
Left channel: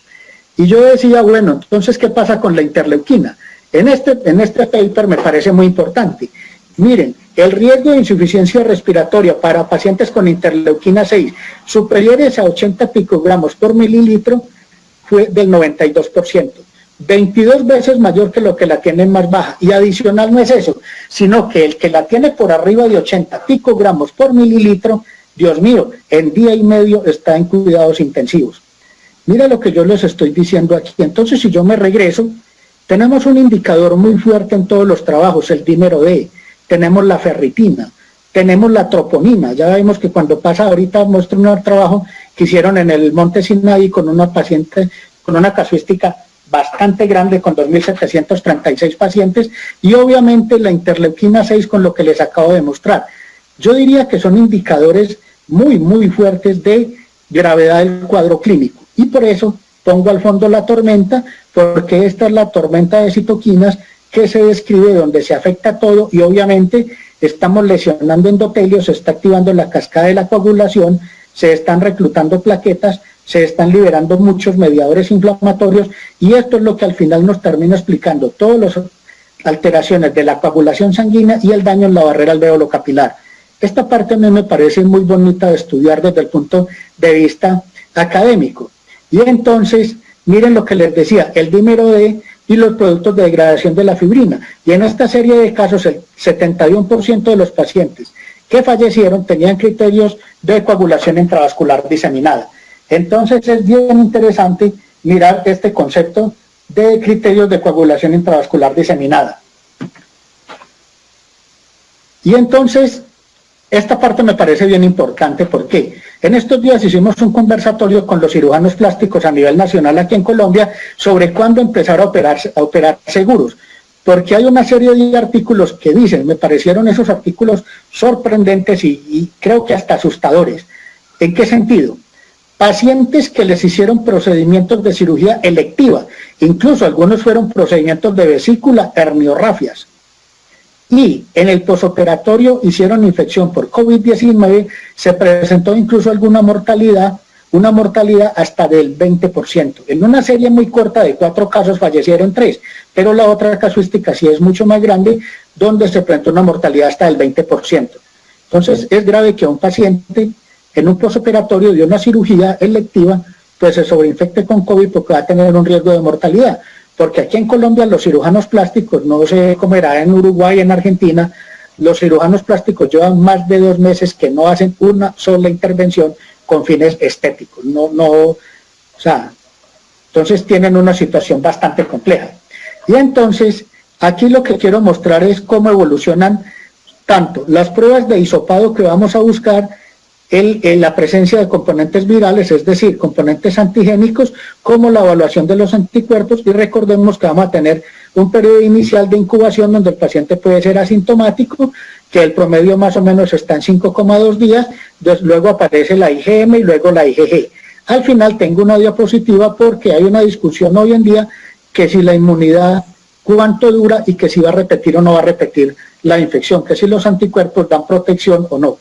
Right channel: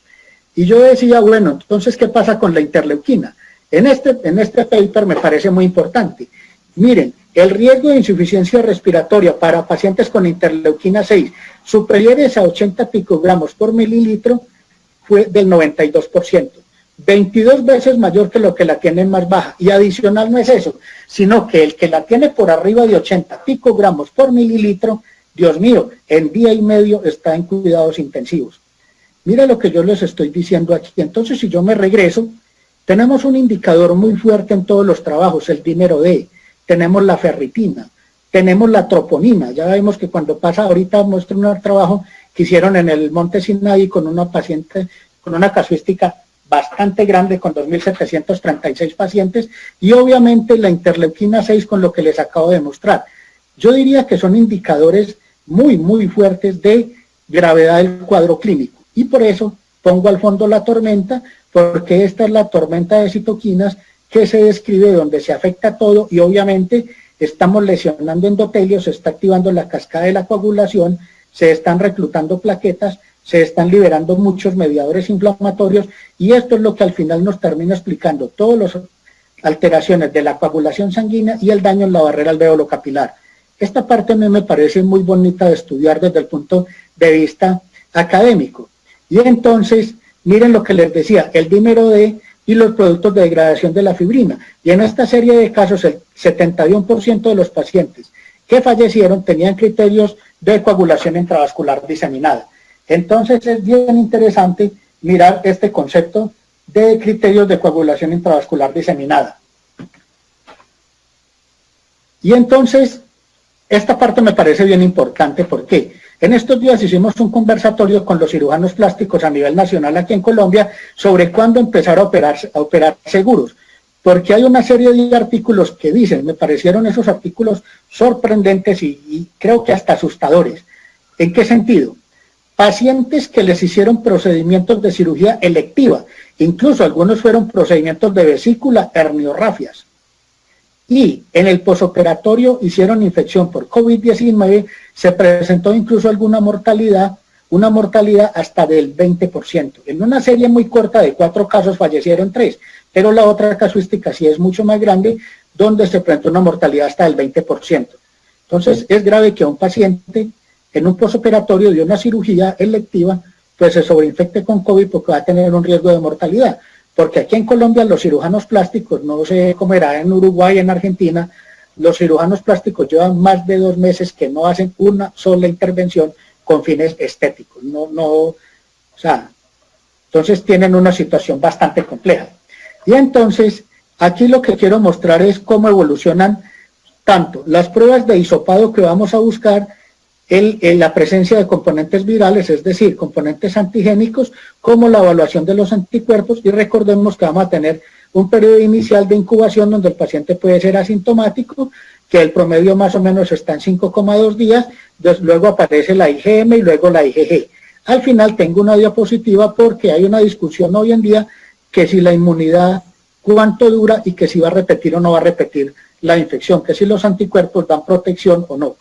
Y yo decía, bueno, entonces ¿qué pasa con la interleuquina? En este paper me parece muy importante. Miren, el riesgo de insuficiencia respiratoria para pacientes con interleuquina 6 superiores a 80 picogramos por mililitro fue del 92%. 22 veces mayor que lo que la tienen más baja. Y adicional no es eso, sino que el que la tiene por arriba de 80 picogramos por mililitro, Dios mío, en día y medio está en cuidados intensivos. Mira lo que yo les estoy diciendo aquí. Entonces, si yo me regreso, tenemos un indicador muy fuerte en todos los trabajos, el dímero D, tenemos la ferritina, tenemos la troponina. Ya vemos que cuando pasa, ahorita muestro un trabajo que hicieron en el Monte Sinaí con una paciente, con una casuística bastante grande, con 2.736 pacientes, y obviamente la interleuquina 6 con lo que les acabo de mostrar. Yo diría que son indicadores muy fuertes de gravedad del cuadro clínico, y por eso pongo al fondo la tormenta, porque esta es la tormenta de citoquinas que se describe donde se afecta todo, y obviamente estamos lesionando endotelios, se está activando la cascada de la coagulación, se están reclutando plaquetas, se están liberando muchos mediadores inflamatorios, y esto es lo que al final nos termina explicando todas las alteraciones de la coagulación sanguínea y el daño en la barrera alveolo-capilar. Esta parte a mí me parece muy bonita de estudiar desde el punto de vista académico. Y entonces, miren lo que les decía, el dímero D y los productos de degradación de la fibrina. Y en esta serie de casos, el 71% de los pacientes que fallecieron tenían criterios de coagulación intravascular diseminada. Entonces es bien interesante mirar este concepto de criterios de coagulación intravascular diseminada. Y entonces, esta parte me parece bien importante porque en estos días hicimos un conversatorio con los cirujanos plásticos a nivel nacional aquí en Colombia sobre cuándo empezar a operar seguros. Porque hay una serie de artículos que dicen, me parecieron esos artículos sorprendentes y creo que hasta asustadores. ¿En qué sentido? pacientes que les hicieron procedimientos de cirugía electiva, incluso algunos fueron procedimientos de vesícula, herniorrafias, y en el posoperatorio hicieron infección por COVID-19, se presentó incluso alguna mortalidad, una mortalidad hasta del 20%. En una serie muy corta de 4 casos fallecieron 3, pero la otra casuística sí es mucho más grande, donde se presentó una mortalidad hasta del 20%. Entonces es grave que a un paciente en un posoperatorio de una cirugía electiva pues se sobreinfecte con COVID porque va a tener un riesgo de mortalidad. Porque aquí en Colombia los cirujanos plásticos, no sé cómo era en Uruguay, en Argentina, los cirujanos plásticos llevan más de 2 meses que no hacen una sola intervención con fines estéticos. O sea, entonces tienen una situación bastante compleja. Y entonces, aquí lo que quiero mostrar es cómo evolucionan tanto las pruebas de hisopado que vamos a buscar, la presencia de componentes virales, es decir, componentes antigénicos, como la evaluación de los anticuerpos, y recordemos que vamos a tener un periodo inicial de incubación donde el paciente puede ser asintomático, que el promedio más o menos está en 5,2 días, luego aparece la IgM y luego la IgG. Al final tengo una diapositiva porque hay una discusión hoy en día que si la inmunidad cuánto dura y que si va a repetir o no va a repetir la infección, que si los anticuerpos dan protección o no.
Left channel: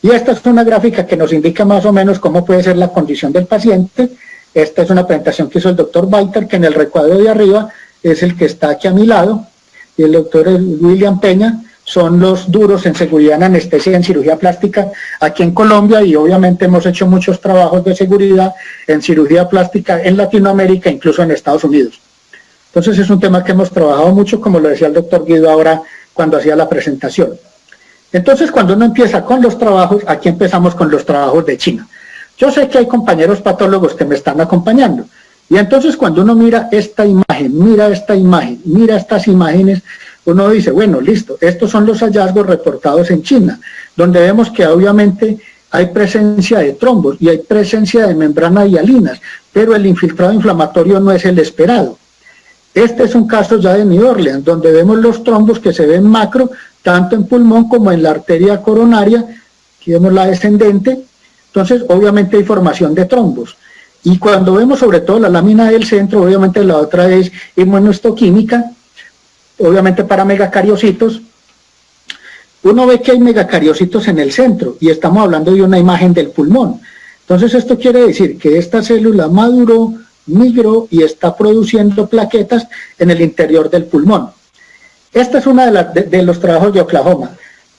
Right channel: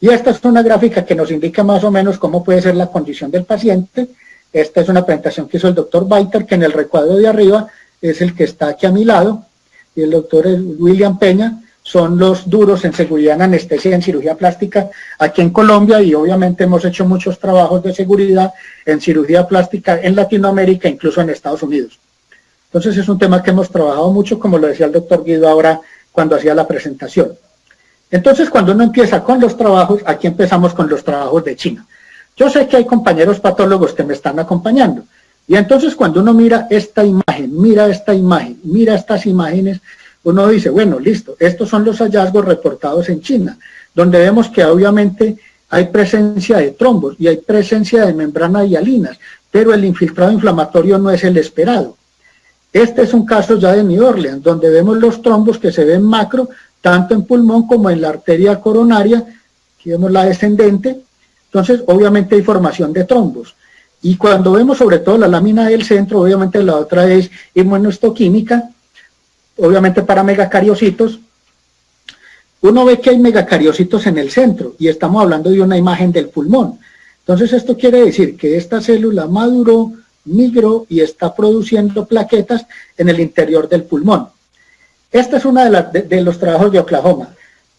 Y esta es una gráfica que nos indica más o menos cómo puede ser la condición del paciente. Esta es una presentación que hizo el doctor Walter, que en el recuadro de arriba es el que está aquí a mi lado, y el doctor William Peña, son los duros en seguridad en anestesia y en cirugía plástica aquí en Colombia, y obviamente hemos hecho muchos trabajos de seguridad en cirugía plástica en Latinoamérica, incluso en Estados Unidos. Entonces es un tema que hemos trabajado mucho, como lo decía el doctor Guido ahora cuando hacía la presentación. Entonces, cuando uno empieza con los trabajos, aquí empezamos con los trabajos de China. Yo sé que hay compañeros patólogos que me están acompañando. Y entonces, cuando uno mira esta imagen, mira estas imágenes, uno dice, bueno, listo, estos son los hallazgos reportados en China, donde vemos que obviamente hay presencia de trombos y hay presencia de membranas hialinas, pero el infiltrado inflamatorio no es el esperado. Este es un caso ya de New Orleans, donde vemos los trombos que se ven macro, tanto en pulmón como en la arteria coronaria, aquí vemos la descendente, entonces obviamente hay formación de trombos. Y cuando vemos sobre todo la lámina del centro, obviamente la otra es inmunohistoquímica, obviamente para megacariocitos, uno ve que hay megacariocitos en el centro, y estamos hablando de una imagen del pulmón. Entonces esto quiere decir que esta célula maduró, migró y está produciendo plaquetas en el interior del pulmón. Esta es una de los trabajos de Oklahoma.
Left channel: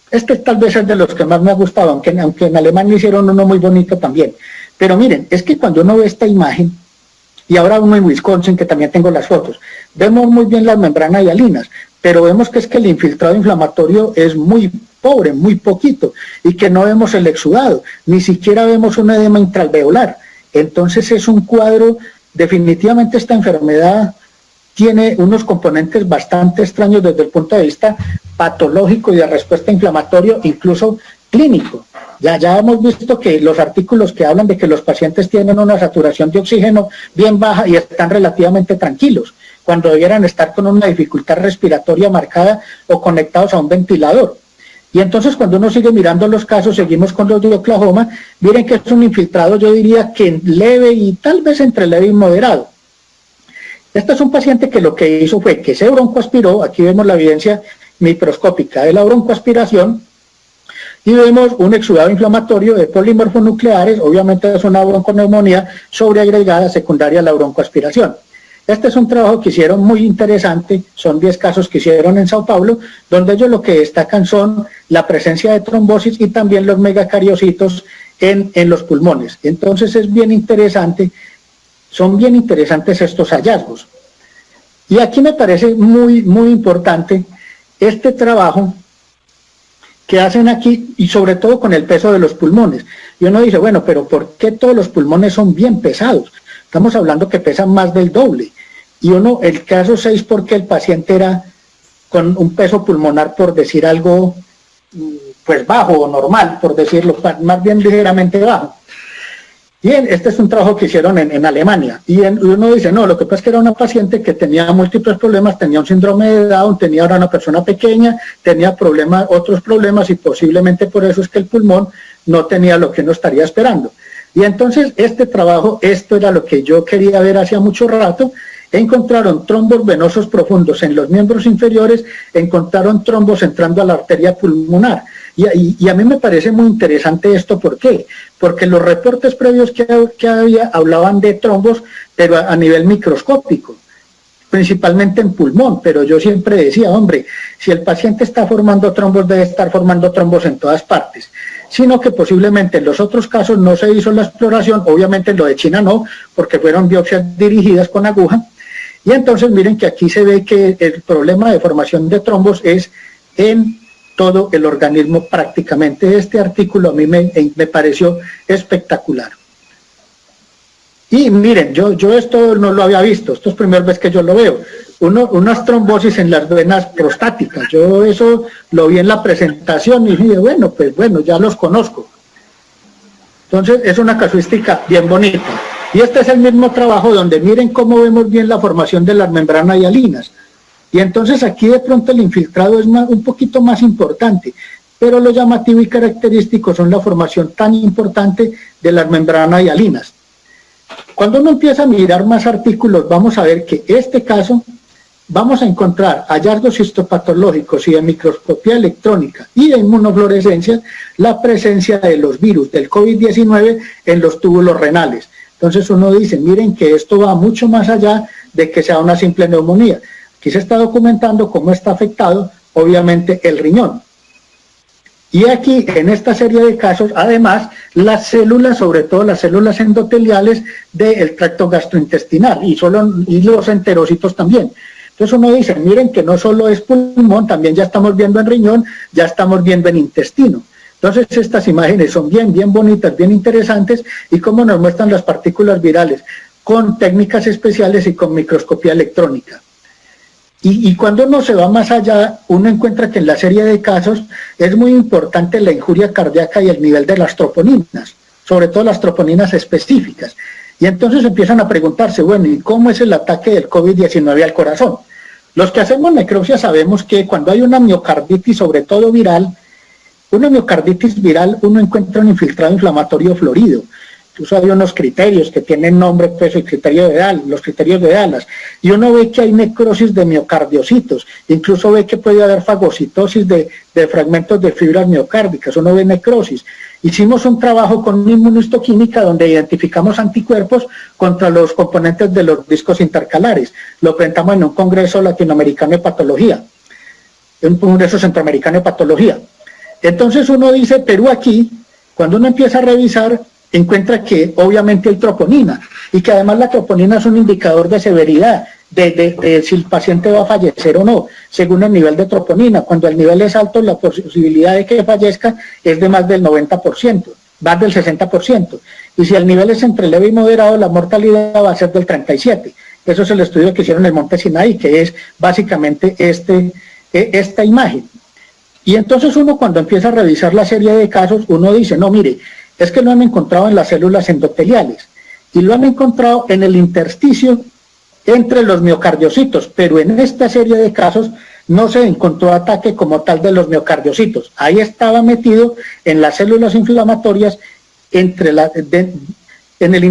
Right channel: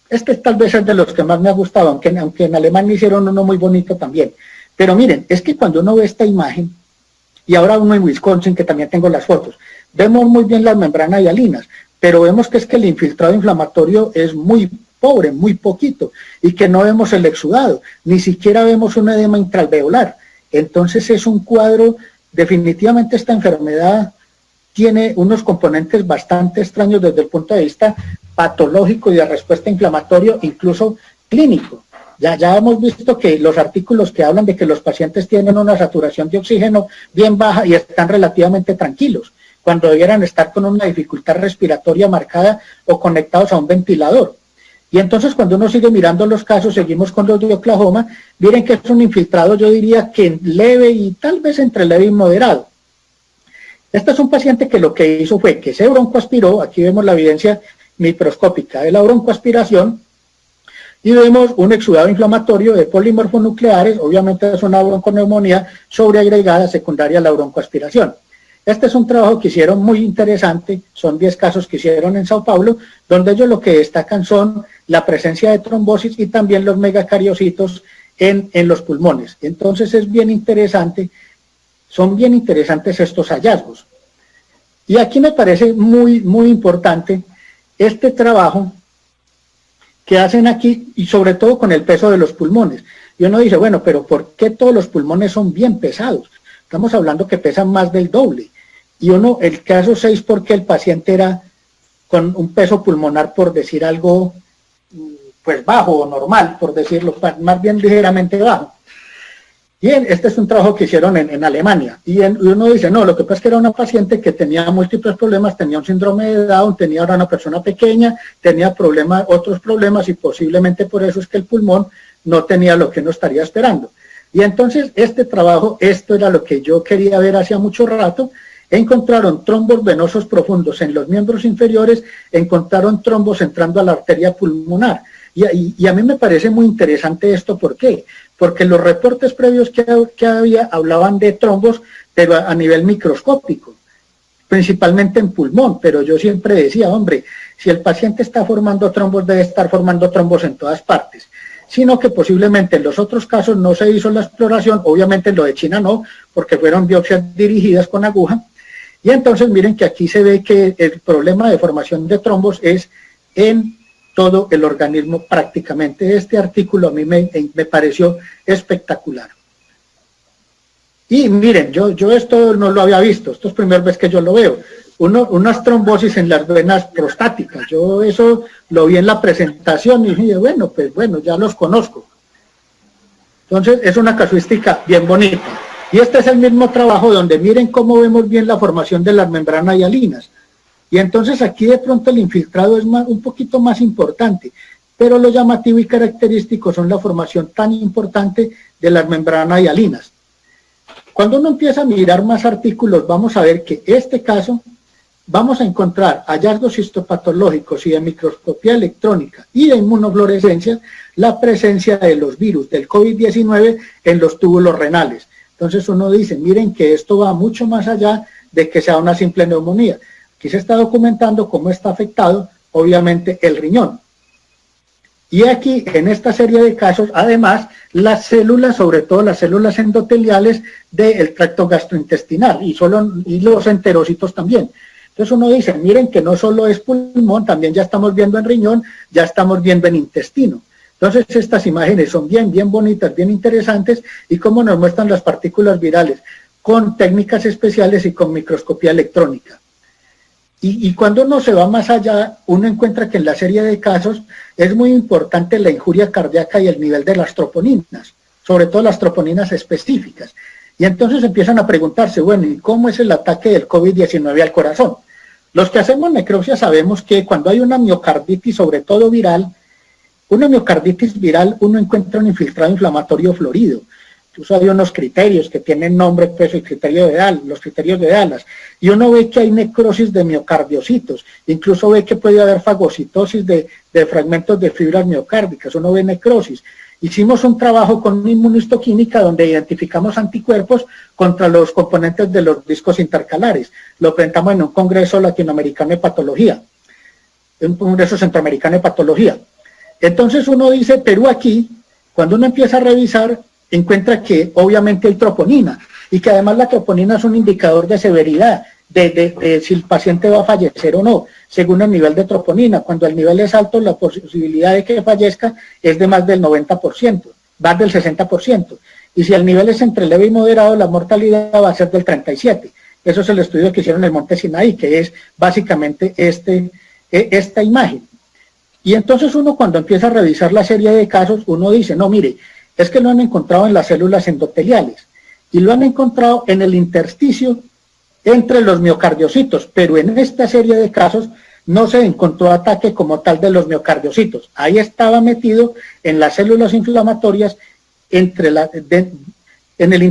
Este tal vez es de los que más me ha gustado, aunque en Alemania hicieron uno muy bonito también. Pero miren, es que cuando uno ve esta imagen, y ahora uno en Wisconsin, que también tengo las fotos, vemos muy bien las membranas hialinas, pero vemos que es que el infiltrado inflamatorio es muy pobre, muy poquito, y que no vemos el exudado, ni siquiera vemos un edema intraalveolar. Entonces es un cuadro, definitivamente esta enfermedad tiene unos componentes bastante extraños desde el punto de vista patológico y de respuesta inflamatoria, incluso clínico. Ya hemos visto que los artículos que hablan de que los pacientes tienen una saturación de oxígeno bien baja y están relativamente tranquilos, cuando debieran estar con una dificultad respiratoria marcada o conectados a un ventilador. Y entonces cuando uno sigue mirando los casos, seguimos con los de Oklahoma, miren que es un infiltrado, yo diría que leve y tal vez entre leve y moderado. Este es un paciente que lo que hizo fue que se broncoaspiró, aquí vemos la evidencia microscópica de la broncoaspiración, y vemos un exudado inflamatorio de polimorfonucleares, obviamente es una bronconeumonía sobreagregada secundaria a la broncoaspiración. Este es un trabajo que hicieron muy interesante, son 10 casos que hicieron en Sao Paulo, donde ellos lo que destacan son la presencia de trombosis y también los megacariocitos en los pulmones. Entonces es bien interesante. Son bien interesantes estos hallazgos. Y aquí me parece muy, muy importante este trabajo que hacen aquí, y sobre todo con el peso de los pulmones. Y uno dice, bueno, pero ¿por qué todos los pulmones son bien pesados? Estamos hablando que pesan más del doble. Y uno, el caso 6, porque el paciente era con un peso pulmonar, por decir algo, pues bajo o normal, por decirlo, más bien ligeramente bajo. Bien, este es un trabajo que hicieron en Alemania, y uno dice, no, lo que pasa es que era una paciente que tenía múltiples problemas, tenía un síndrome de Down, era una persona pequeña, tenía otros problemas, y posiblemente por eso es que el pulmón no tenía lo que uno estaría esperando. Y entonces este trabajo, esto era lo que yo quería ver hace mucho rato, encontraron trombos venosos profundos en los miembros inferiores, encontraron trombos entrando a la arteria pulmonar. Y a mí me parece muy interesante esto, ¿por qué? Porque los reportes previos que había hablaban de trombos, pero a nivel microscópico, principalmente en pulmón, pero yo siempre decía, hombre, si el paciente está formando trombos, debe estar formando trombos en todas partes, sino que posiblemente en los otros casos no se hizo la exploración, obviamente en lo de China no, porque fueron biopsias dirigidas con aguja, y entonces miren que aquí se ve que el problema de formación de trombos es en todo el organismo prácticamente. Este artículo a mí me pareció espectacular. Y miren, yo esto no lo había visto, esto es la primera vez que yo lo veo. Unas trombosis en las venas prostáticas, yo eso lo vi en la presentación y dije, bueno, pues bueno, ya los conozco. Entonces es una casuística bien bonita. Y este es el mismo trabajo donde miren cómo vemos bien la formación de las membranas hialinas. Y entonces aquí de pronto el infiltrado es un poquito más importante, pero lo llamativo y característico son la formación tan importante de las membranas hialinas. Cuando uno empieza a mirar más artículos, vamos a ver que este caso, vamos a encontrar hallazgos histopatológicos y de microscopía electrónica y de inmunofluorescencia, la presencia de los virus del COVID-19 en los túbulos renales. Entonces uno dice, miren que esto va mucho más allá de que sea una simple neumonía. Aquí se está documentando cómo está afectado, obviamente, el riñón. Y aquí, en esta serie de casos, además, las células, sobre todo las células endoteliales del tracto gastrointestinal y los enterocitos también. Entonces uno dice, miren que no solo es pulmón, también ya estamos viendo en riñón, ya estamos viendo en intestino. Entonces estas imágenes son bien bonitas, bien interesantes, y cómo nos muestran las partículas virales, con técnicas especiales y con microscopía electrónica. Y cuando uno se va más allá, uno encuentra que en la serie de casos es muy importante la injuria cardíaca y el nivel de las troponinas, sobre todo las troponinas específicas. Y entonces empiezan a preguntarse, bueno, ¿y cómo es el ataque del COVID-19 al corazón? Los que hacemos necropsia sabemos que cuando hay una miocarditis, sobre todo viral, una miocarditis viral, uno encuentra un infiltrado inflamatorio florido. Incluso hay unos criterios que tienen nombre, peso y criterio de Dallas, los criterios de Dallas. Y uno ve que hay necrosis de miocardiocitos, incluso ve que puede haber fagocitosis de fragmentos de fibras miocárdicas, uno ve necrosis. Hicimos un trabajo con una inmunohistoquímica donde identificamos anticuerpos contra los componentes de los discos intercalares. Lo presentamos en un congreso latinoamericano de patología, en un congreso centroamericano de patología. Entonces uno dice, pero aquí, cuando uno empieza a revisar, encuentra que obviamente hay troponina, y que además la troponina es un indicador de severidad, de si el paciente va a fallecer o no, según el nivel de troponina. Cuando el nivel es alto, la posibilidad de que fallezca es de más del 90%, más del 60%, y si el nivel es entre leve y moderado, la mortalidad va a ser del 37%. Eso es el estudio que hicieron en el Monte Sinaí, que es básicamente esta imagen. Y entonces uno, cuando empieza a revisar la serie de casos, uno dice, no, mire, es que lo han encontrado en las células endoteliales y lo han encontrado en el intersticio entre los miocardiocitos, pero en esta serie de casos no se encontró ataque como tal de los miocardiocitos. Ahí estaba metido en las células inflamatorias en el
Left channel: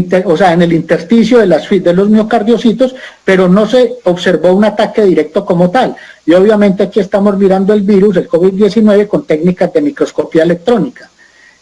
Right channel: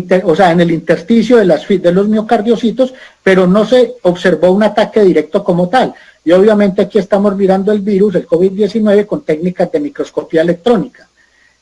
intersticio de los miocardiocitos, pero no se observó un ataque directo como tal. Y obviamente aquí estamos mirando el virus, el COVID-19, con técnicas de microscopía electrónica.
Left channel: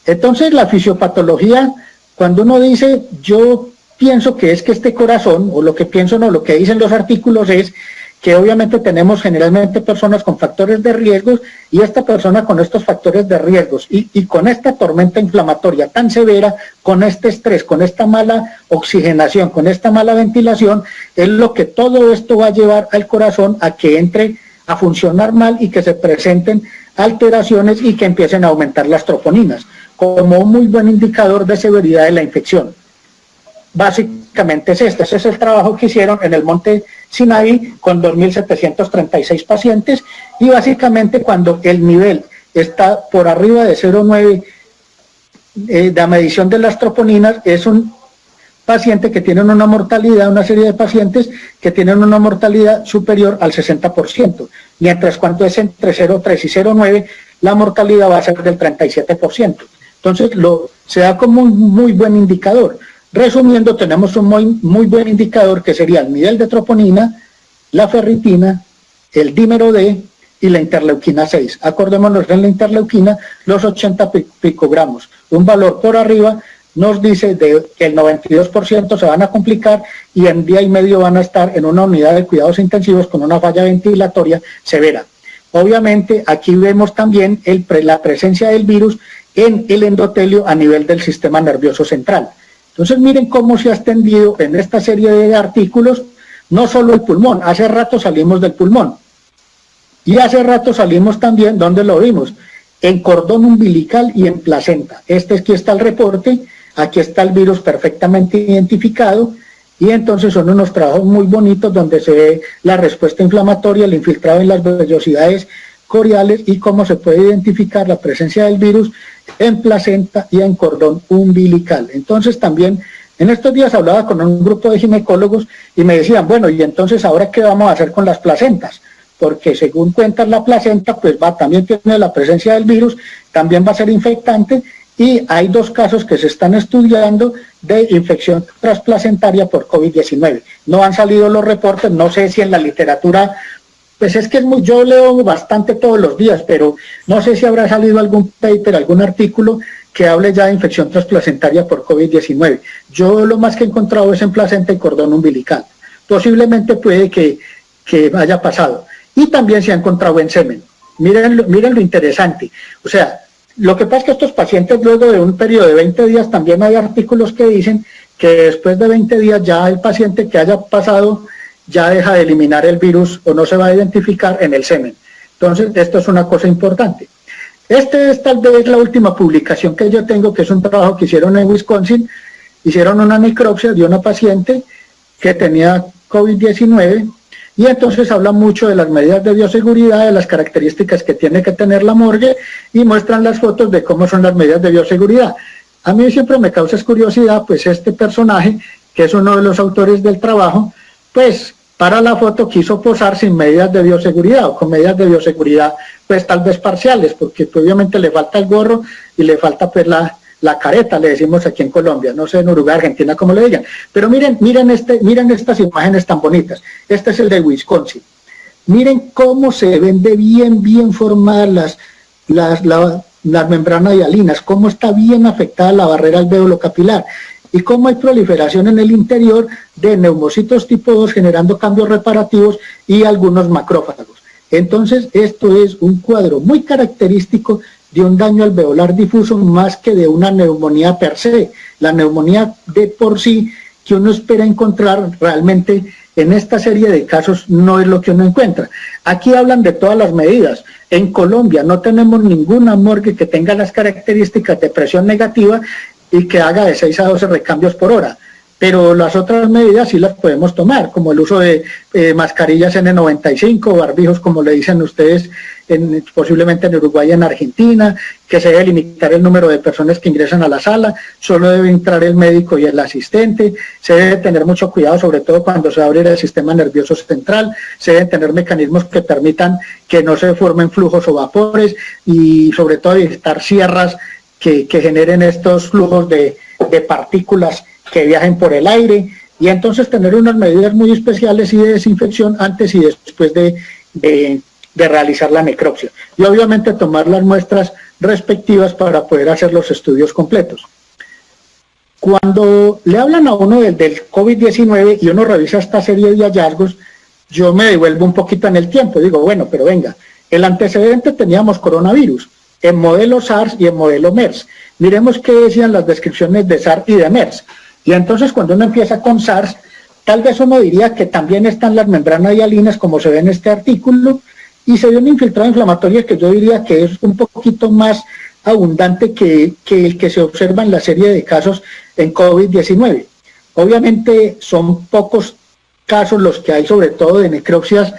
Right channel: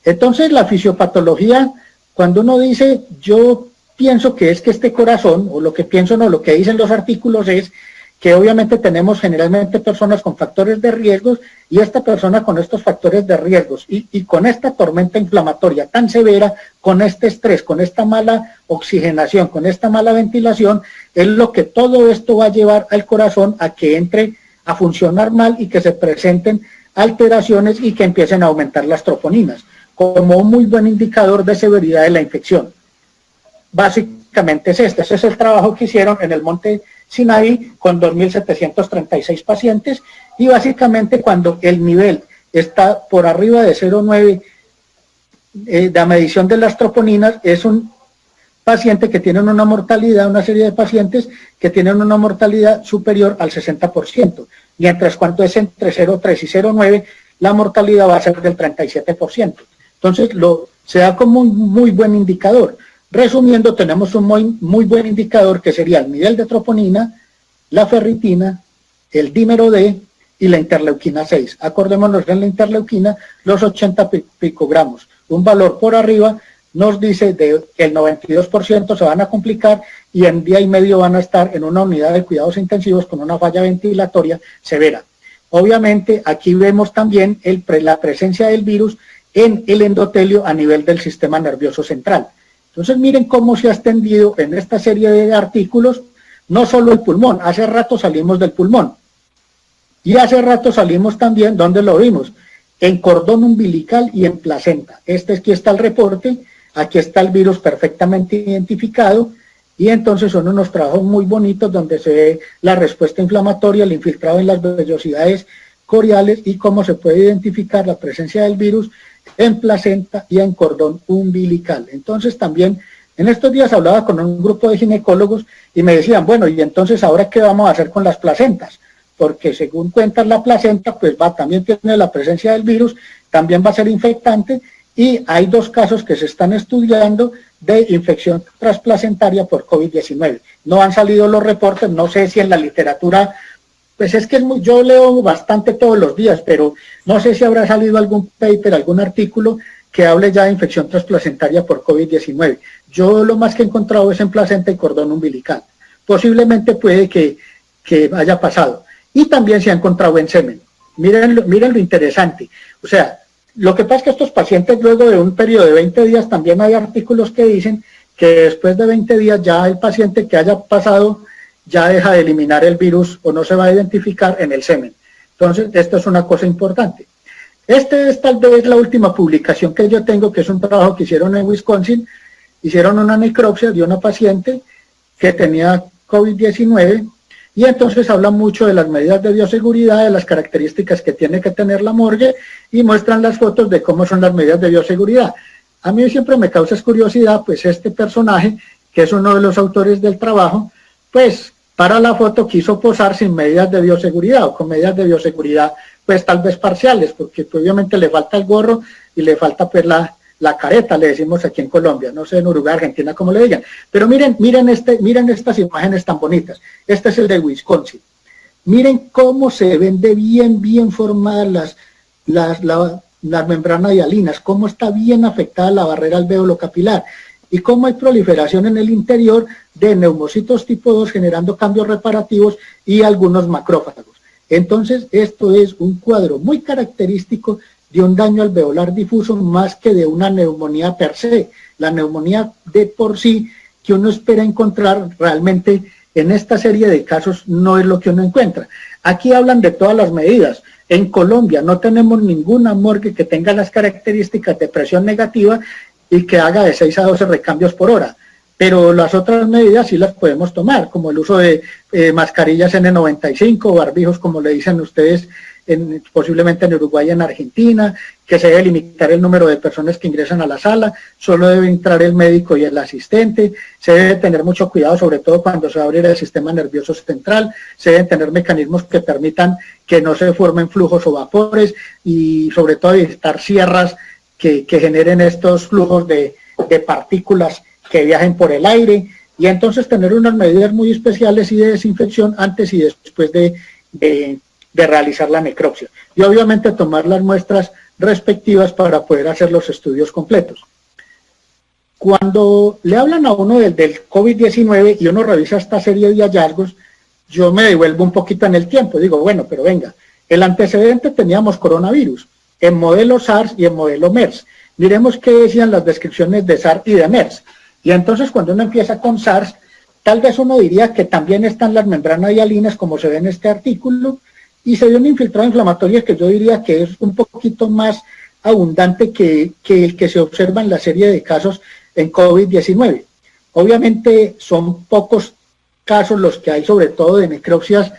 Entonces la fisiopatología, cuando uno dice, yo pienso que es que este corazón, o lo que pienso no, lo que dicen los artículos es que obviamente tenemos generalmente personas con factores de riesgos, y esta persona con estos factores de riesgos, y con esta tormenta inflamatoria tan severa, con este estrés, con esta mala oxigenación, con esta mala ventilación, es lo que todo esto va a llevar al corazón a que entre a funcionar mal y que se presenten alteraciones y que empiecen a aumentar las troponinas, como un muy buen indicador de severidad de la infección. Básicamente es este, ese es el trabajo que hicieron en el Monte Sinaí con 2.736 pacientes, y básicamente cuando el nivel está por arriba de 0,9 de la medición de las troponinas, es un paciente que tienen una mortalidad, una serie de pacientes que tienen una mortalidad superior al 60%, mientras cuando es entre 0,3 y 0,9, la mortalidad va a ser del 37%. Entonces se da como un muy buen indicador. Resumiendo, tenemos un muy buen indicador que sería el nivel de troponina, la ferritina, el dímero D y la interleuquina 6. Acordémonos que en la interleuquina los 80 picogramos. Un valor por arriba nos dice que el 92% se van a complicar y en día y medio van a estar en una unidad de cuidados intensivos con una falla ventilatoria severa. Obviamente aquí vemos también la presencia del virus en el endotelio a nivel del sistema nervioso central. Entonces miren cómo se ha extendido en esta serie de artículos, no solo el pulmón, hace rato salimos del pulmón. Y hace rato salimos también, ¿dónde lo vimos? En cordón umbilical y en placenta. Aquí está el reporte, aquí está el virus perfectamente identificado, y entonces son unos trabajos muy bonitos donde se ve la respuesta inflamatoria, el infiltrado en las vellosidades coriales y cómo se puede identificar la presencia del virus en placenta y en cordón umbilical. Entonces también en estos días hablaba con un grupo de ginecólogos y me decían, bueno, y entonces ahora ¿qué vamos a hacer con las placentas? Porque según cuentan la placenta, pues también tiene la presencia del virus, también va a ser infectante, y hay 2 casos que se están estudiando de infección transplacentaria por COVID-19. No han salido los reportes, no sé si en la literatura, pues es que yo leo bastante todos los días, pero no sé si habrá salido algún paper, algún artículo que hable ya de infección transplacentaria por COVID-19. Yo lo más que he encontrado es en placenta y cordón umbilical. Posiblemente puede que haya pasado. Y también se ha encontrado en semen. Miren lo interesante. O sea, lo que pasa es que estos pacientes luego de un periodo de 20 días, también hay artículos que dicen que después de 20 días ya el paciente que haya pasado ya deja de eliminar el virus o no se va a identificar en el semen. Entonces, esto es una cosa importante. Esta es la última publicación que yo tengo, que es un trabajo que hicieron en Wisconsin. Hicieron una necropsia de una paciente que tenía COVID-19 y entonces hablan mucho de las medidas de bioseguridad, de las características que tiene que tener la morgue y muestran las fotos de cómo son las medidas de bioseguridad. A mí siempre me causa curiosidad, pues este personaje, que es uno de los autores del trabajo, pues para la foto quiso posar sin medidas de bioseguridad o con medidas de bioseguridad pues tal vez parciales, porque obviamente le falta el gorro y le falta pues la caeta, le decimos aquí en Colombia, no sé en Uruguay, Argentina, como le digan. Pero miren estas imágenes tan bonitas. Este es el de Wisconsin. Miren cómo se ven de bien formadas las membranas hialinas, cómo está bien afectada la barrera alvéolo capilar y cómo hay proliferación en el interior de neumocitos tipo 2 generando cambios reparativos y algunos macrófagos. Entonces, esto es un cuadro muy característico de un daño alveolar difuso más que de una neumonía per se. La neumonía de por sí que uno espera encontrar realmente en esta serie de casos no es lo que uno encuentra. Aquí hablan de todas las medidas. En Colombia no tenemos ninguna morgue que tenga las características de presión negativa y que haga de 6 a 12 recambios por hora. Pero las otras medidas sí las podemos tomar, como el uso de mascarillas N95, barbijos, como le dicen ustedes, posiblemente en Uruguay y en Argentina, que se debe limitar el número de personas que ingresan a la sala, solo debe entrar el médico y el asistente, se debe tener mucho cuidado, sobre todo cuando se va a abrir el sistema nervioso central, se deben tener mecanismos que permitan que no se formen flujos o vapores y sobre todo evitar sierras que generen estos flujos de partículas que viajen por el aire, y entonces tener unas medidas muy especiales y de desinfección antes y después de realizar la necropsia. Y obviamente tomar las muestras respectivas para poder hacer los estudios completos. Cuando le hablan a uno del COVID-19 y uno revisa esta serie de hallazgos, yo me devuelvo un poquito en el tiempo, digo, bueno, pero venga, el antecedente teníamos coronavirus, en modelo SARS y en modelo MERS. Miremos qué decían las descripciones de SARS y de MERS. Y entonces cuando uno empieza con SARS, tal vez uno diría que también están las membranas hialinas, como se ve en este artículo, y se ve un infiltrado inflamatorio que yo diría que es un poquito más abundante que el que se observa en la serie de casos en COVID-19. Obviamente son pocos casos los que hay, sobre todo de necropsias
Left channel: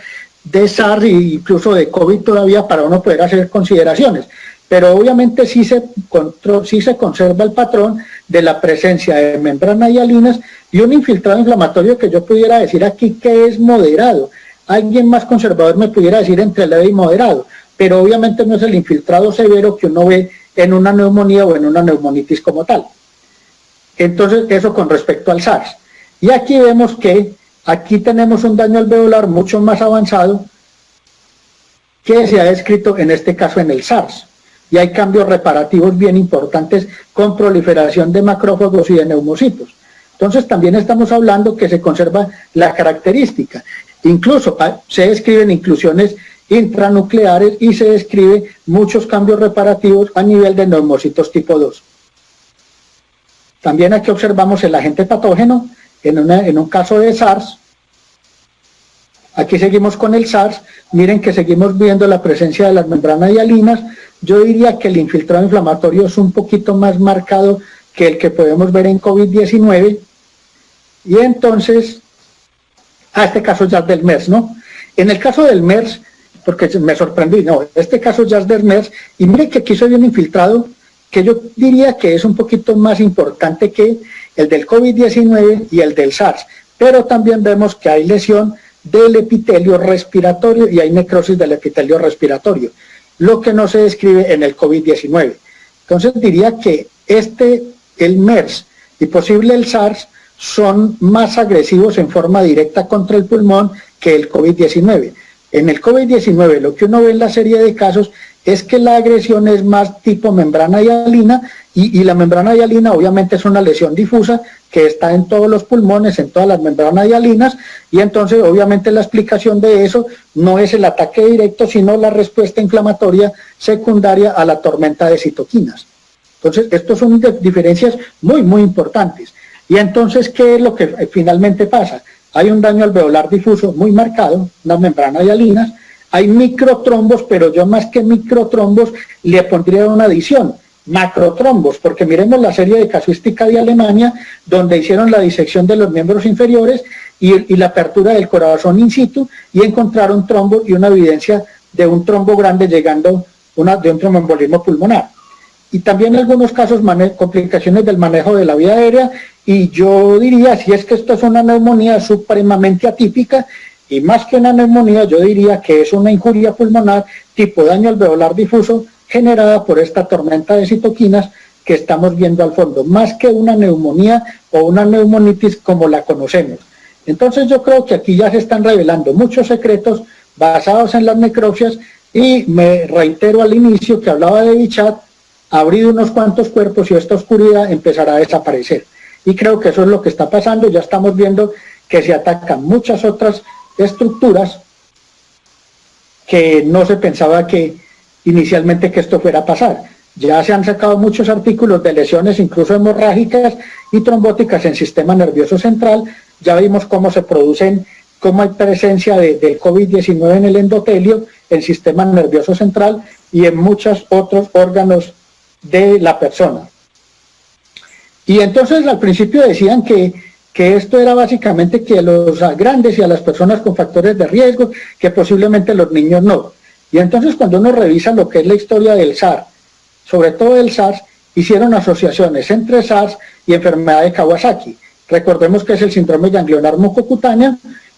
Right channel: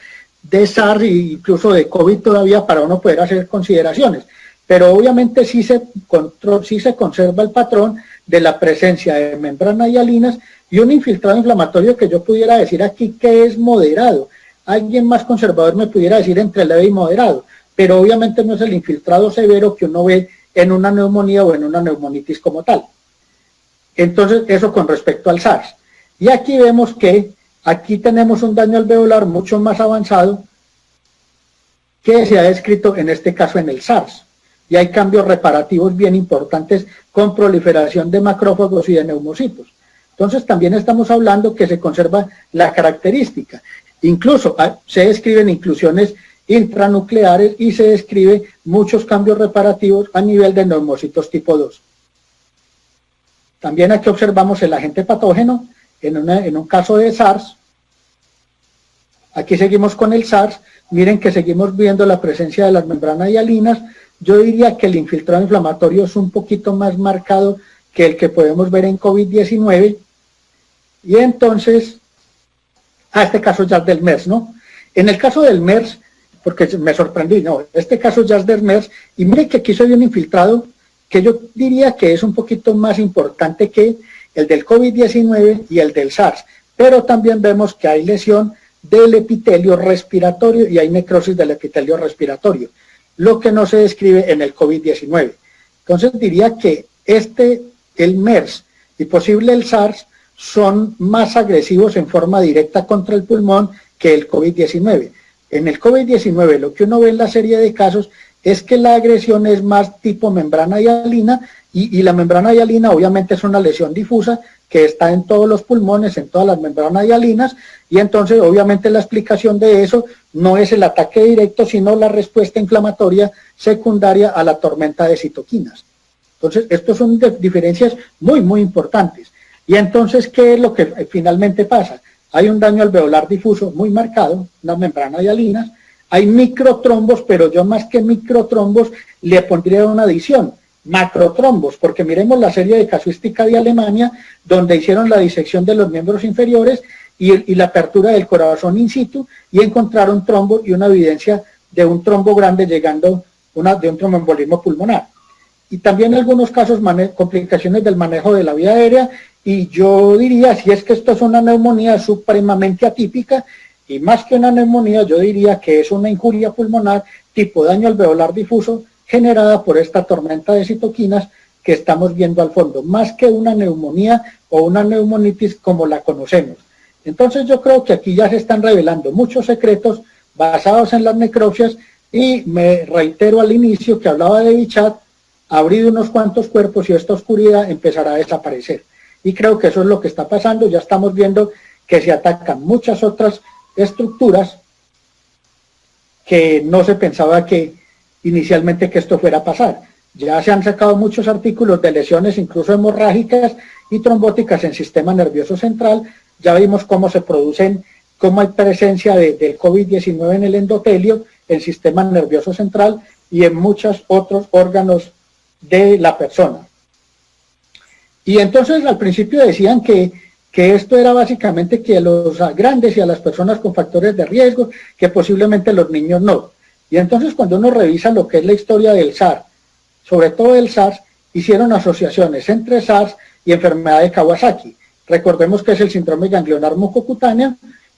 de SARS e incluso de COVID todavía para uno poder hacer consideraciones. Pero obviamente sí se conserva el patrón de la presencia de membranas hialinas y un infiltrado inflamatorio que yo pudiera decir aquí que es moderado. Alguien más conservador me pudiera decir entre leve y moderado, pero obviamente no es el infiltrado severo que uno ve en una neumonía o en una neumonitis como tal. Entonces, eso con respecto al SARS. Y aquí vemos que aquí tenemos un daño alveolar mucho más avanzado que se ha descrito en este caso en el SARS. Y hay cambios reparativos bien importantes con proliferación de macrófagos y de neumocitos. Entonces también estamos hablando que se conserva la característica. Incluso se describen inclusiones intranucleares y se describe muchos cambios reparativos a nivel de neumocitos tipo 2. También aquí observamos el agente patógeno en un caso de SARS. Aquí seguimos con el SARS. Miren que seguimos viendo la presencia de las membranas hialinas. Yo diría que el infiltrado inflamatorio es un poquito más marcado que el que podemos ver en COVID-19. Y entonces, este caso ya es del MERS, ¿no? En el caso del MERS, porque me sorprendí, no, este caso ya es del MERS, y miren que aquí soy un infiltrado que yo diría que es un poquito más importante que el del COVID-19 y el del SARS, pero también vemos que hay lesión del epitelio respiratorio y hay necrosis del epitelio respiratorio, lo que no se describe en el COVID-19. Entonces diría que el MERS y posible el SARS son más agresivos en forma directa contra el pulmón que el COVID-19. En el COVID-19 lo que uno ve en la serie de casos es que la agresión es más tipo membrana hialina y la membrana hialina obviamente es una lesión difusa que está en todos los pulmones, en todas las membranas hialinas, y entonces obviamente la explicación de eso no es el ataque directo, sino la respuesta inflamatoria secundaria a la tormenta de citoquinas. Entonces, estos son diferencias muy, muy importantes. Y entonces, ¿qué es lo que finalmente pasa? Hay un daño alveolar difuso muy marcado, una membrana hialinas, hay microtrombos, pero yo más que microtrombos le pondría una adición, macrotrombos, porque miremos la serie de casuística de Alemania, donde hicieron la disección de los miembros inferiores y la apertura del corazón in situ, y encontraron trombo y una evidencia de un trombo grande llegando de un tromboembolismo pulmonar. Y también en algunos casos complicaciones del manejo de la vía aérea, y yo diría, si es que esto es una neumonía supremamente atípica, y más que una neumonía, yo diría que es una injuria pulmonar tipo daño alveolar difuso generada por esta tormenta de citoquinas que estamos viendo al fondo, más que una neumonía o una neumonitis como la conocemos. Entonces yo creo que aquí ya se están revelando muchos secretos basados en las necropsias, y me reitero al inicio que hablaba de Bichat, abrir unos cuantos cuerpos y esta oscuridad empezará a desaparecer. Y creo que eso es lo que está pasando. Ya estamos viendo que se atacan muchas otras estructuras que no se pensaba que inicialmente que esto fuera a pasar. Ya se han sacado muchos artículos de lesiones incluso hemorrágicas y trombóticas en sistema nervioso central. Ya vimos cómo se producen, cómo hay presencia del COVID-19 en el endotelio, en sistema nervioso central y en muchos otros órganos de la persona. Y entonces al principio decían que esto era básicamente que a los grandes y a las personas con factores de riesgo, que posiblemente los niños no. Y entonces cuando uno revisa lo que es la historia del SARS, sobre todo el SARS, hicieron asociaciones entre SARS y enfermedad de Kawasaki. Recordemos que es el síndrome ganglionar mucocutánea,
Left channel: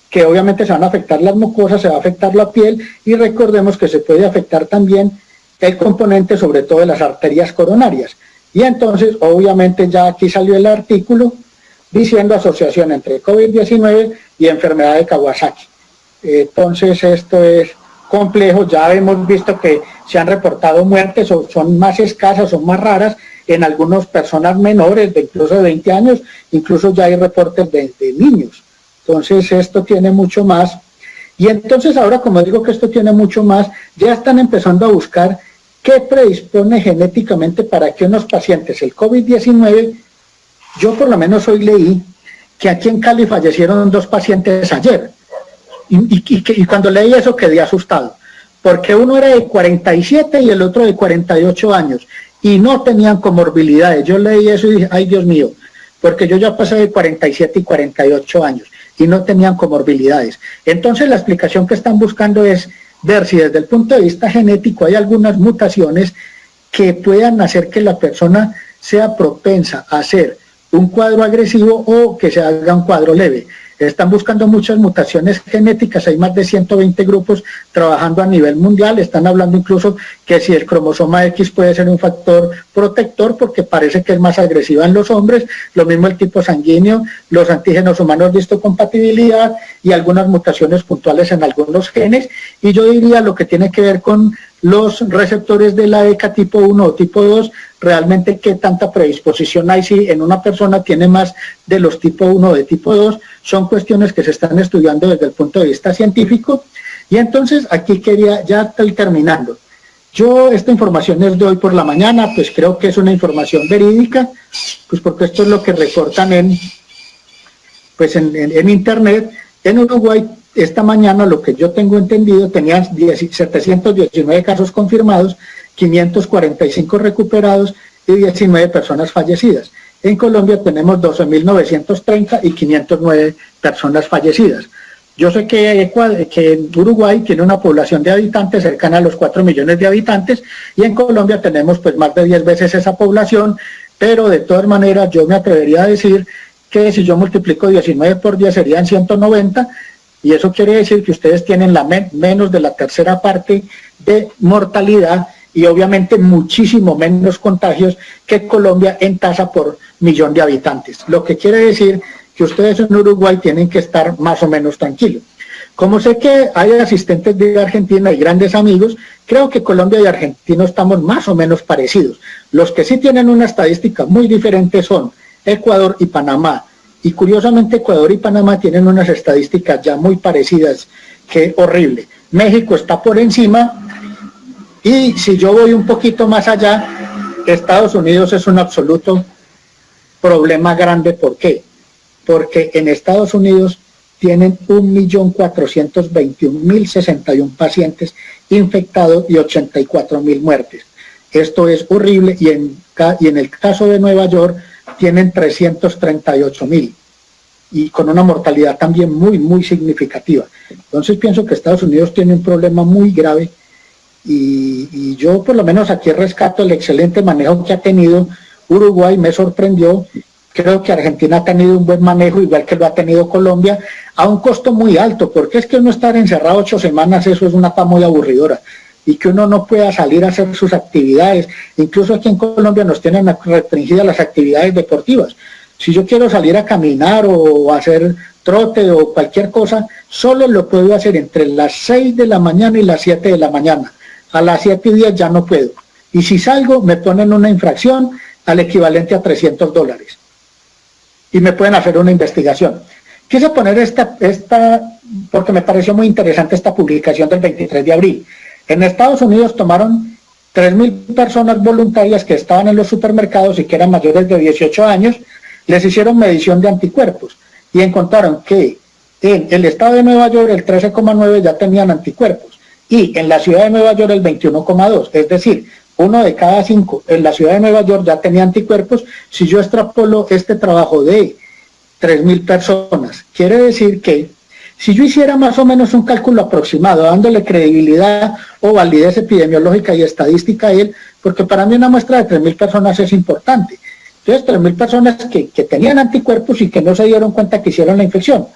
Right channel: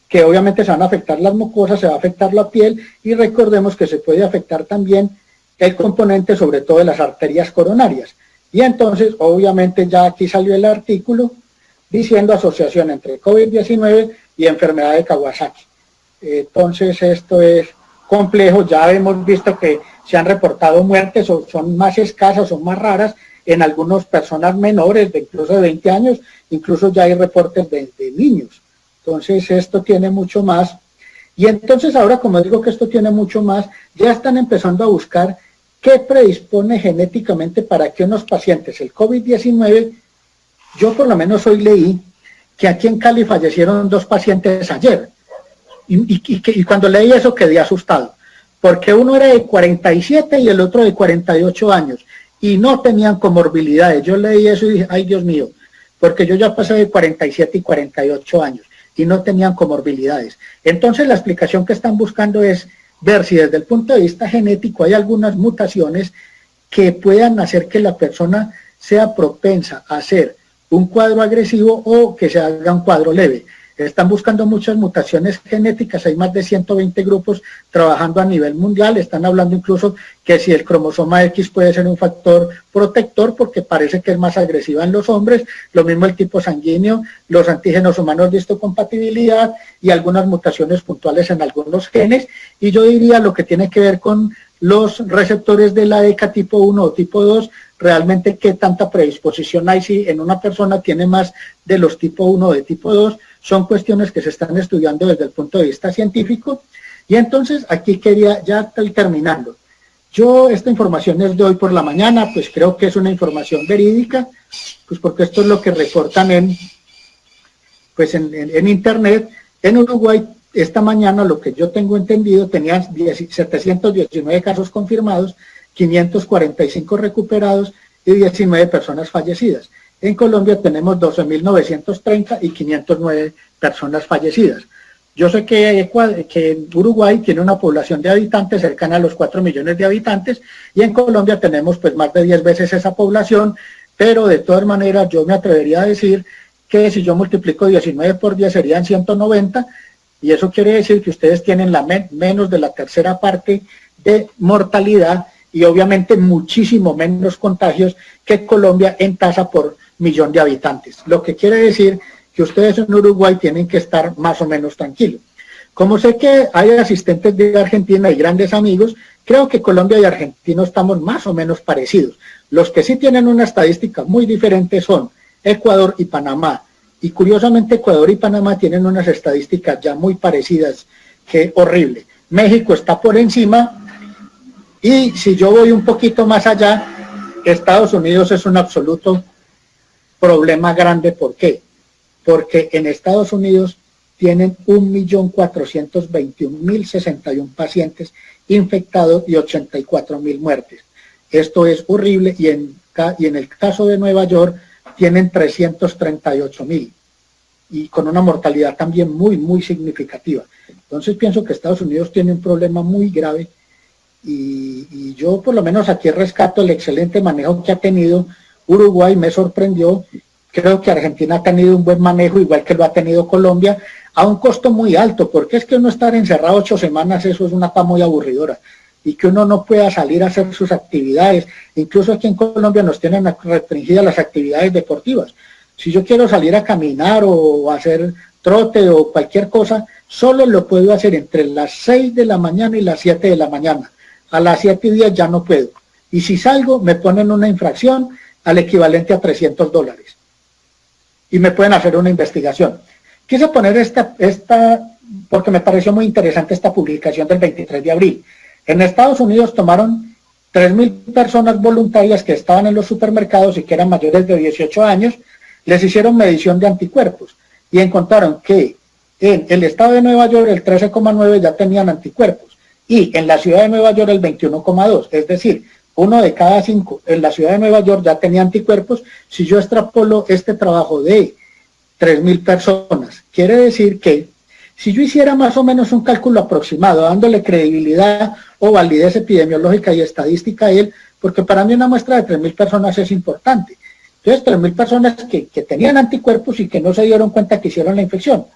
que obviamente se van a afectar las mucosas, se va a afectar la piel, y recordemos que se puede afectar también el componente sobre todo de las arterias coronarias. Y entonces obviamente ya aquí salió el artículo diciendo asociación entre COVID-19 y enfermedad de Kawasaki. Entonces esto es complejo. Ya hemos visto que se han reportado muertes, o son más escasas o más raras en algunas personas menores de incluso de 20 años, incluso ya hay reportes de niños. Entonces esto tiene mucho más. Y entonces ahora, como digo que esto tiene mucho más, ya están empezando a buscar qué predispone genéticamente para que unos pacientes, el COVID-19, yo por lo menos hoy leí que aquí en Cali fallecieron 2 pacientes ayer. Y cuando leí eso quedé asustado, porque uno era de 47 y el otro de 48 años, y no tenían comorbilidades. Yo leí eso y dije, ay Dios mío, porque yo ya pasé de 47 y 48 años, y no tenían comorbilidades. Entonces la explicación que están buscando es ver si desde el punto de vista genético hay algunas mutaciones que puedan hacer que la persona sea propensa a hacer un cuadro agresivo o que se haga un cuadro leve. Están buscando muchas mutaciones genéticas, hay más de 120 grupos trabajando a nivel mundial, están hablando incluso que si el cromosoma X puede ser un factor protector porque parece que es más agresiva en los hombres, lo mismo el tipo sanguíneo, los antígenos humanos de histocompatibilidad y algunas mutaciones puntuales en algunos genes, y yo diría lo que tiene que ver con los receptores de la ECA tipo 1 o tipo 2, realmente qué tanta predisposición hay, si en una persona tiene más de los tipo 1 o de tipo 2, son cuestiones que se están estudiando desde el punto de vista científico. Y entonces aquí quería, ya estoy terminando, yo esta información es de hoy por la mañana, pues creo que es una información verídica, pues porque esto es lo que reportan en internet. En Uruguay esta mañana, lo que yo tengo entendido, tenían 719 casos confirmados, 545 recuperados y 19 personas fallecidas. En Colombia tenemos 12.930 y 509 personas fallecidas. Yo sé que Uruguay tiene una población de habitantes cercana a los 4 millones de habitantes y en Colombia tenemos pues más de 10 veces esa población, pero de todas maneras yo me atrevería a decir que si yo multiplico 19 por 10 serían 190, y eso quiere decir que ustedes tienen menos de la tercera parte de mortalidad y obviamente muchísimo menos contagios que Colombia en tasa por millón de habitantes. Lo que quiere decir que ustedes en Uruguay tienen que estar más o menos tranquilos. Como sé que hay asistentes de Argentina y grandes amigos, creo que Colombia y Argentina estamos más o menos parecidos. Los que sí tienen una estadística muy diferente son Ecuador y Panamá. Y curiosamente Ecuador y Panamá tienen unas estadísticas ya muy parecidas, que horrible. México está por encima, y si yo voy un poquito más allá, Estados Unidos es un absoluto problema grande. ¿Por qué? Porque en Estados Unidos tienen 1.421.061 pacientes infectados y 84.000 muertes. Esto es horrible, y en el caso de Nueva York tienen 338.000 y con una mortalidad también muy, muy significativa. Entonces pienso que Estados Unidos tiene un problema muy grave, y yo por lo menos aquí rescato el excelente manejo que ha tenido Uruguay. Me sorprendió. Creo que Argentina ha tenido un buen manejo, igual que lo ha tenido Colombia, a un costo muy alto, porque es que uno estar encerrado 8 semanas, eso es una etapa muy aburridora, y que uno no pueda salir a hacer sus actividades. Incluso aquí en Colombia nos tienen restringidas las actividades deportivas. Si yo quiero salir a caminar o hacer trote o cualquier cosa, solo lo puedo hacer entre las 6 de la mañana y las 7 de la mañana. A las 7:10 ya no puedo. Y si salgo, me ponen una infracción al equivalente a $300. Y me pueden hacer una investigación. Quise poner esta porque me pareció muy interesante esta publicación del 23 de abril. En Estados Unidos tomaron 3.000 personas voluntarias que estaban en los supermercados y que eran mayores de 18 años, les hicieron medición de anticuerpos y encontraron que en el estado de Nueva York el 13,9 ya tenían anticuerpos y en la ciudad de Nueva York el 21,2, es decir, 1 de cada 5 en la ciudad de Nueva York ya tenía anticuerpos. Si yo extrapolo este trabajo de 3.000 personas, quiere decir que si yo hiciera más o menos un cálculo aproximado, dándole credibilidad o validez epidemiológica y estadística a él, porque para mí una muestra de 3.000 personas es importante. Entonces, 3.000 personas que tenían anticuerpos y que no se dieron cuenta que hicieron la infección.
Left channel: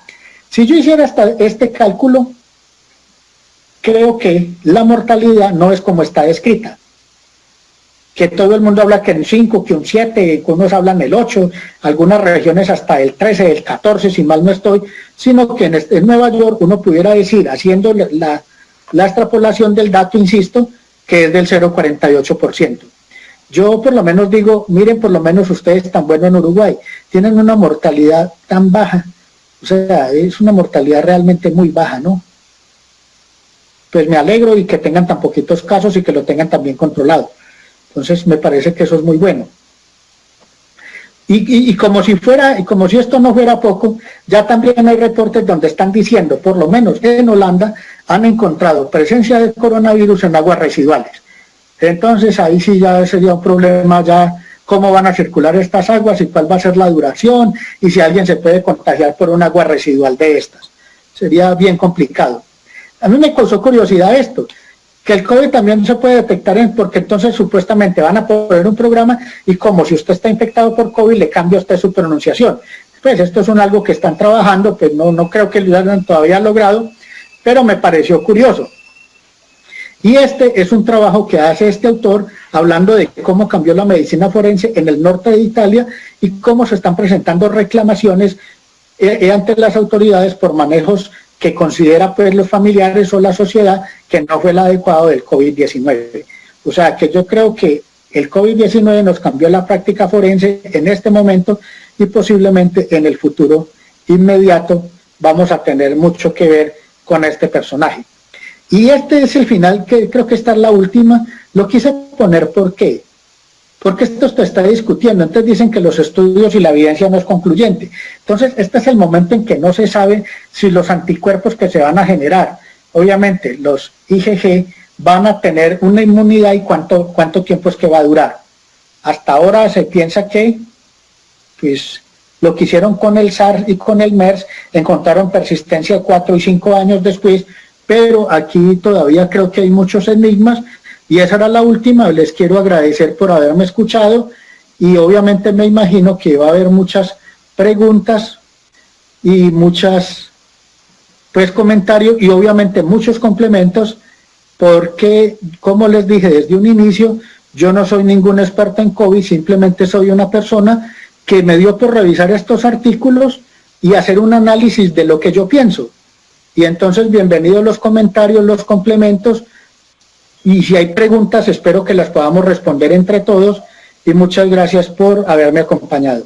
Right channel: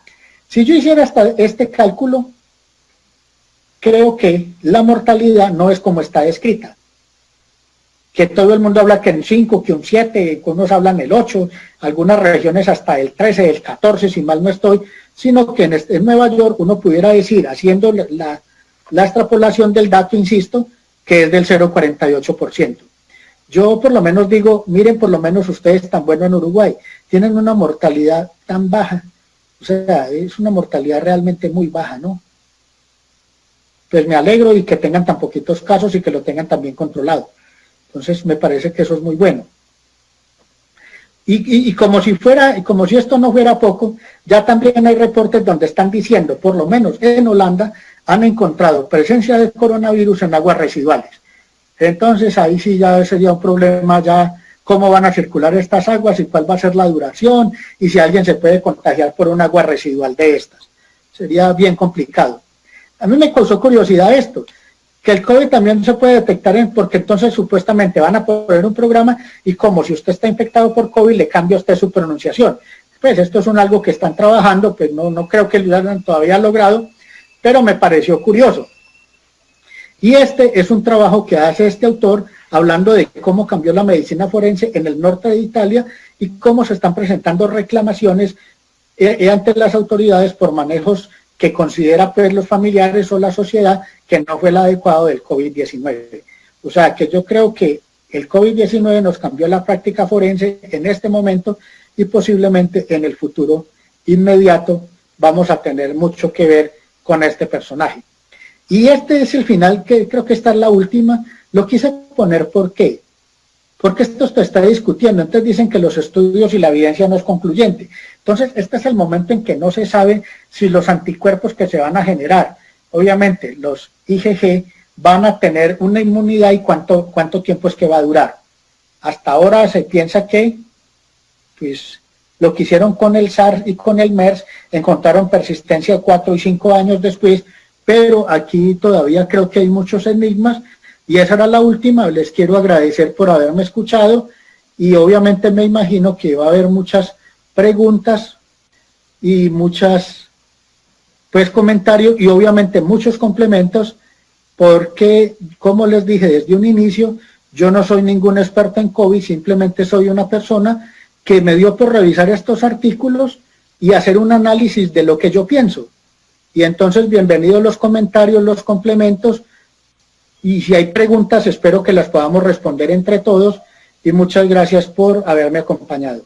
Si yo hiciera este cálculo, creo que la mortalidad no es como está descrita. Que todo el mundo habla que un 5, que un 7, que unos hablan el 8, algunas regiones hasta el 13, el 14, si mal no estoy, sino que en Nueva York uno pudiera decir, haciendo la extrapolación del dato, insisto, que es del 0,48%. Yo por lo menos digo, miren, por lo menos ustedes tan buenos en Uruguay, tienen una mortalidad tan baja, o sea, es una mortalidad realmente muy baja, ¿no? Pues me alegro y que tengan tan poquitos casos y que lo tengan tan bien controlado. Entonces me parece que eso es muy bueno. Y como si esto no fuera poco, ya también hay reportes donde están diciendo, por lo menos en Holanda, han encontrado presencia de coronavirus en aguas residuales. Entonces ahí sí ya sería un problema, ya cómo van a circular estas aguas y cuál va a ser la duración, y si alguien se puede contagiar por un agua residual de estas. Sería bien complicado. A mí me causó curiosidad esto, que el COVID también se puede detectar, porque entonces supuestamente van a poner un programa y como si usted está infectado por COVID le cambia a usted su pronunciación. Pues esto es algo que están trabajando, pues no creo que lo hayan todavía logrado, pero me pareció curioso. Y este es un trabajo que hace este autor hablando de cómo cambió la medicina forense en el norte de Italia y cómo se están presentando reclamaciones ante las autoridades por manejos que considera pues los familiares o la sociedad que no fue el adecuado del COVID-19. O sea que yo creo que el COVID-19 nos cambió la práctica forense en este momento y posiblemente en el futuro inmediato vamos a tener mucho que ver con este personaje. Y este es el final, que creo que esta es la última. Lo quise poner, ¿por qué? Porque esto se está discutiendo. Entonces dicen que los estudios y la evidencia no es concluyente. Entonces este es el momento en que no se sabe si los anticuerpos que se van a generar, obviamente los IgG, van a tener una inmunidad y cuánto tiempo es que va a durar. Hasta ahora se piensa que, pues, lo que hicieron con el SARS y con el MERS, encontraron persistencia 4 y 5 años después, pero aquí todavía creo que hay muchos enigmas, y esa era la última. Les quiero agradecer por haberme escuchado, y obviamente me imagino que va a haber muchas preguntas y muchas, pues, comentarios, y obviamente muchos complementos, porque, como les dije desde un inicio, yo no soy ningún experto en COVID, simplemente soy una persona que me dio por revisar estos artículos y hacer un análisis de lo que yo pienso. Y entonces, bienvenidos los comentarios, los complementos, y si hay preguntas, espero que las podamos responder entre todos, y muchas gracias por haberme acompañado.